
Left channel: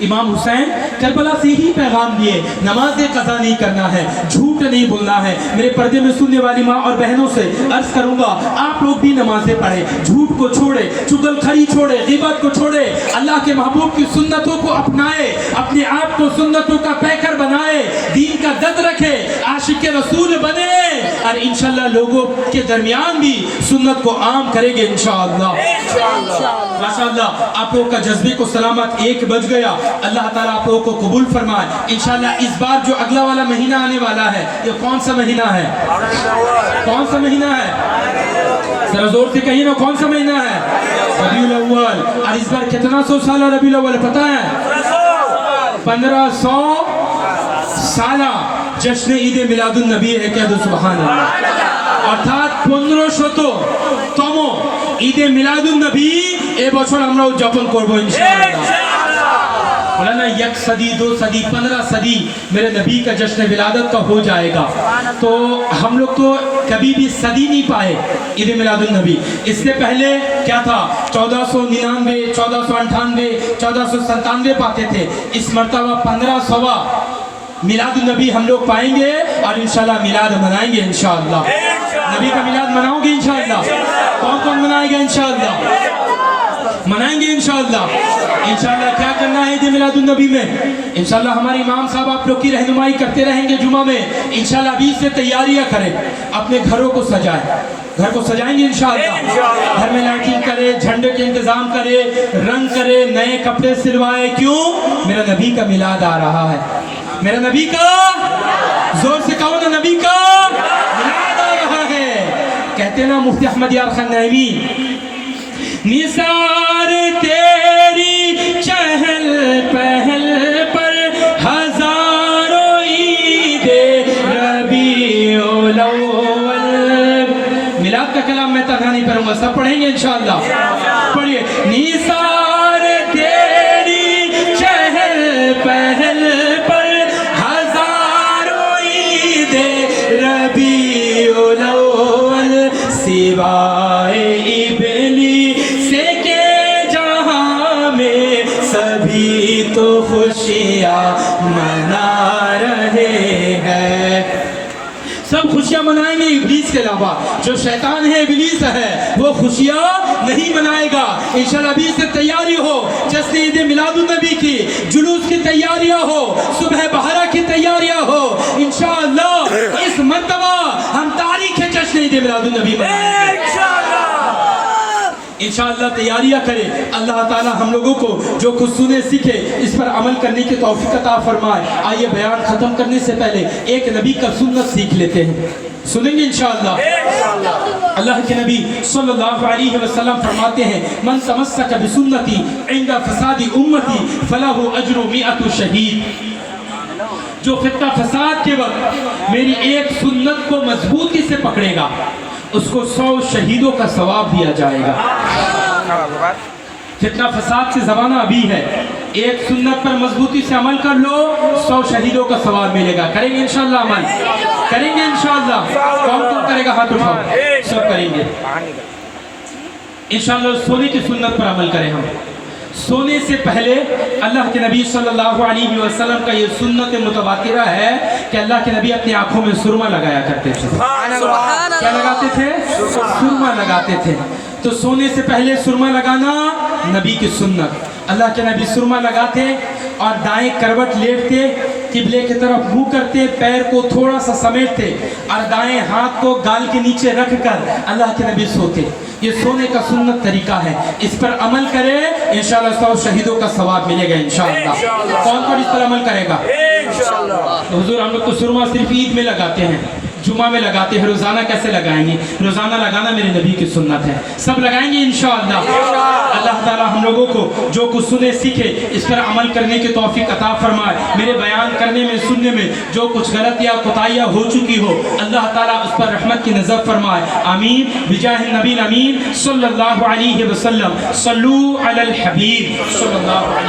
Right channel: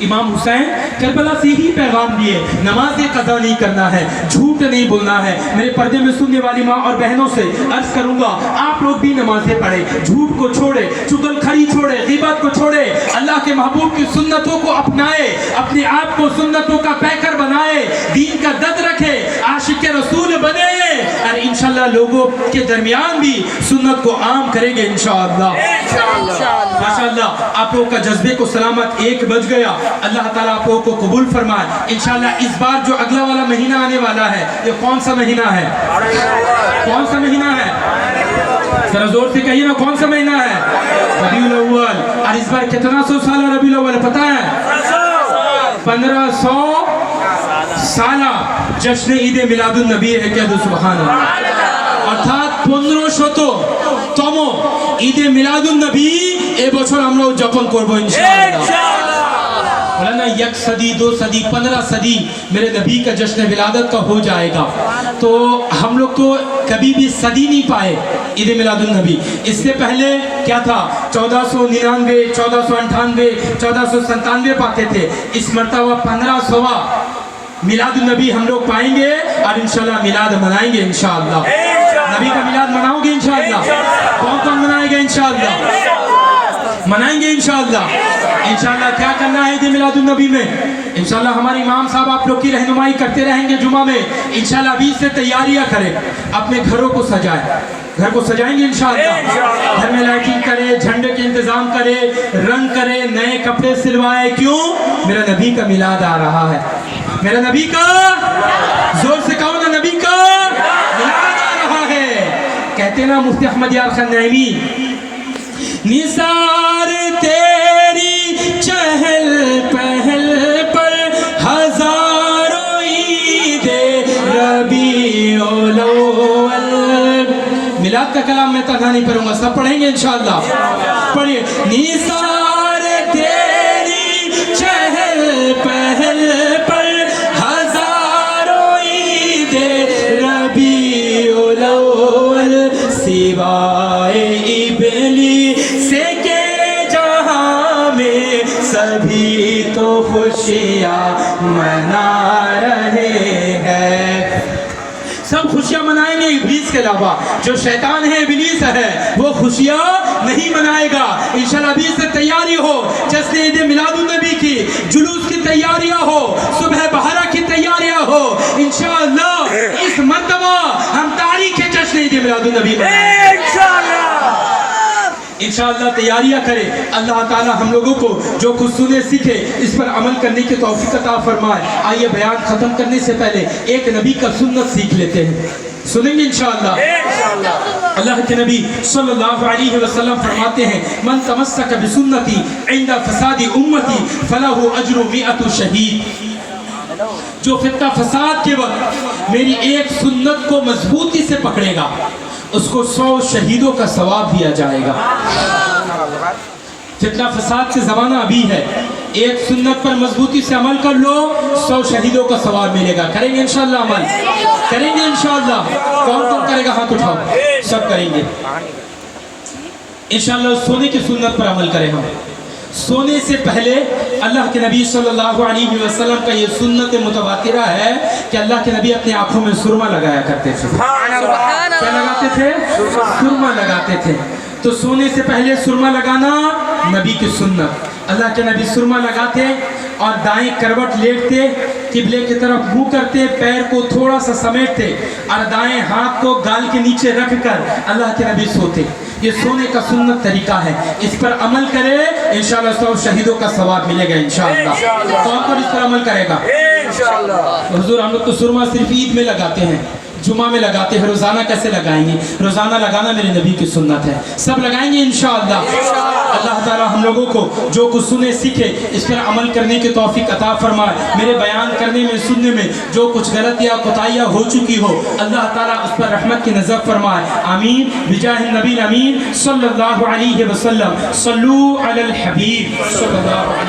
امام حسین کربلا سے ہی پیغام دیے، نماز قضا نہیں کرنا ہے، جھوٹ نہیں بولنا ہے۔ میرے پردے میں سننے والی ماں اور بہنوں سے عرض کروں گا، آپ لوگ بھی نمازیں پڑھیں، جھوٹ کو چھوڑے، چغل خری چھوڑے، غیبت کو چھوڑے، اللہ کے محبوب کی سنتوں کو اپنائے، اپنے آپ کو سنتوں کا پیکر بنائے، دین کا دد رکھے، عاشق رسول بنے، اور انشاءاللہ لوگوں کے درمیان بھی سنت کو عام کریں گے انشاءاللہ۔ ماشاءاللہ آپ لوگوں کا جذبے کو سلامت، 1 بج گیا، اللہ تعالیٰ آپ لوگوں کو قبول فرمائے۔ انشاءاللہ اس بار جو اگلا والا مہینہ آنے والا ہے، یہ کون سا مہینہ ہے؟ کون سا مہینہ ہے؟ ذرا زور سے کہیے نا، کون سا مہینہ ہے؟ ربیع الاول۔ اور اس بار کتنا سو سالہ ربیع الاول پتہ ہے؟ 1500 سالہ جشن عید میلاد النبی ہے، کیا دو سبحان اللہ، অর্থাৎ 1500তম ঈদে মিলাদুন্নবী এই বছর আমরা উদযাপন করব ইনশাআল্লাহ। مولانا 1 صدی 2 صدی 15 صدی میرے نبی کا جشن ولادت کا ہو جائے گا، تو ہم لوگ تو کبھی بھی صدی نہیں پائے عید میلاد النبی۔ اس سے پہلے کیا تھا؟ 1499 1498 1497 پاتے تھے، اس مرتبہ 1500واں میلاد النبی ہم لوگ پائیں گے، اور انشاءاللہ میلاد منائیں گے انشاءاللہ۔ نبی کا میلاد مناؤ گے انشاءاللہ؟ کون کون منائے گا انشاءاللہ؟ منائیں گے انشاءاللہ۔ انشاءاللہ کیا کرنا ہے عید میلاد النبی میں؟ انشاءاللہ ہمارے امام صاحب آپ لوگ کی رہنمائی کرتے رہیں گے جمعہ میں، انشاءاللہ ابھی سے تیاریاں کریں، اپنے گھروں کو سجائیں، گھر کو سجائیں گے انشاءاللہ، گھر میں لائٹنگ کرے، جھنڈے کے انتظام کرے، رنگ کرے، نئے کپڑے سلوائے۔ کیوں؟ میرا نبی کا میلاد آ رہا ہے، میرا نبی کا، زور سے کہو نا، نبی کا میلاد آ رہا ہے۔ کہتے نا مفتی احمد یار خان نعیمی، نثار تیری چہل پہل پر ہزاروں عید ربیع الاول۔ میلاد کا کلام میں تنہا نہیں پڑھوں گا، سب پڑھیں گے انشاءاللہ، پڑھیے۔ نثار تیری چہل پہل پر ہزاروں عید ربیع الاول، سوائے تو خوشیاں منا رہے ہیں، سب خوشیاں منائیں گے ابلیس کے علاوہ۔ جو شیطان ہے، ابلیس ہے، وہ خوشیاں نہیں منائے گا۔ انشاءاللہ ابھی سے تیاری ہو، جشن عید میلاد النبی کی، جلوس کی تیاریاں ہو، صبح بہارا کی تیاریاں ہو، انشاءاللہ اس مرتبہ ہم تاریخ جشن عید میلاد النبی منائیں گے انشاءاللہ۔ تیاریاں کرے، اللہ تعالی ہم لوگوں کو جو کچھ سنے سیکھے اس پر عمل کرنے کی توفیق عطا فرمائے۔ آئیے بیان ختم کرنے سے پہلے ایک نبی کا سنت سیکھ لیتے ہیں، سنیں گے انشاءاللہ۔ اللہ کے نبی صلی اللہ علیہ وسلم فرماتے ہیں، من تمسک بسنتی عند فساد امتی فلہ اجر 100 شہید۔ جو فتنہ فساد کے وقت میری ایک سنت کو مضبوطی سے پکڑے گا، اس کو 100 شہیدوں کا ثواب دیا جائے گا۔ فتنہ فساد سے زمانہ ابھی ہے، ایک سنت پر مضبوطی سے عمل کر لو، 100 شہیدوں کا ثواب ملے گا۔ کریں گے انشاءاللہ عمل؟ کریں گے انشاءاللہ؟ کون کون کرے گا؟ ہاتھ اٹھاؤ، سب کریں گے انشاءاللہ۔ سونے کی سنت پر عمل کریں ہم۔ سونے سے پہلے اللہ کے نبی صلی اللہ علیہ وسلم کا یہ سنت متواترہ ہے کہ اللہ کے نبی اپنی آنکھوں میں سرما لگایا کرتے تھے۔ کیا لگاتے تھے؟ سرما لگاتے تھے۔ تو سونے سے پہلے سرما لگانا نبی کی سنت۔ اللہ کے نبی سرما لگاتے اور دائیں کروٹ لیٹتے، قبلے کی طرف منہ کرتے، پیر کو تھوڑا سا سمیٹتے اور دائیں ہاتھ کو گال کے نیچے رکھ کر اللہ کے نبی سوتے۔ یہ سونے کا سنت طریقہ ہے، اس پر عمل کرے انشاءاللہ 100 شہیدوں کا ثواب ملے گا انشاءاللہ۔ کون کون اس پر عمل کرے گا؟ حضور ہم لوگ تو سرما صرف عید میں لگاتے ہیں، جمعہ میں لگاتے ہیں، روزانہ کیسے لگائیں گے؟ روزانہ لگانا میرے نبی کی سنت ہے، سب لگائیں گے انشاءاللہ۔ اللہ تعالی ہم لوگوں کو جو کچھ سنے سیکھے اس پر عمل کرنے کی توفیق عطا فرمائے۔ میرے بیان کرنے میں، سننے میں جو کچھ غلط یا کوتاہیاں ہو چکی ہو، اللہ تعالی اس پر رحمت کی نظر فرمائے، آمین بجاہ النبی الامین صلی اللہ علیہ وسلم۔ صلو علی الحبیب صلی اللہ علیہ وسلم۔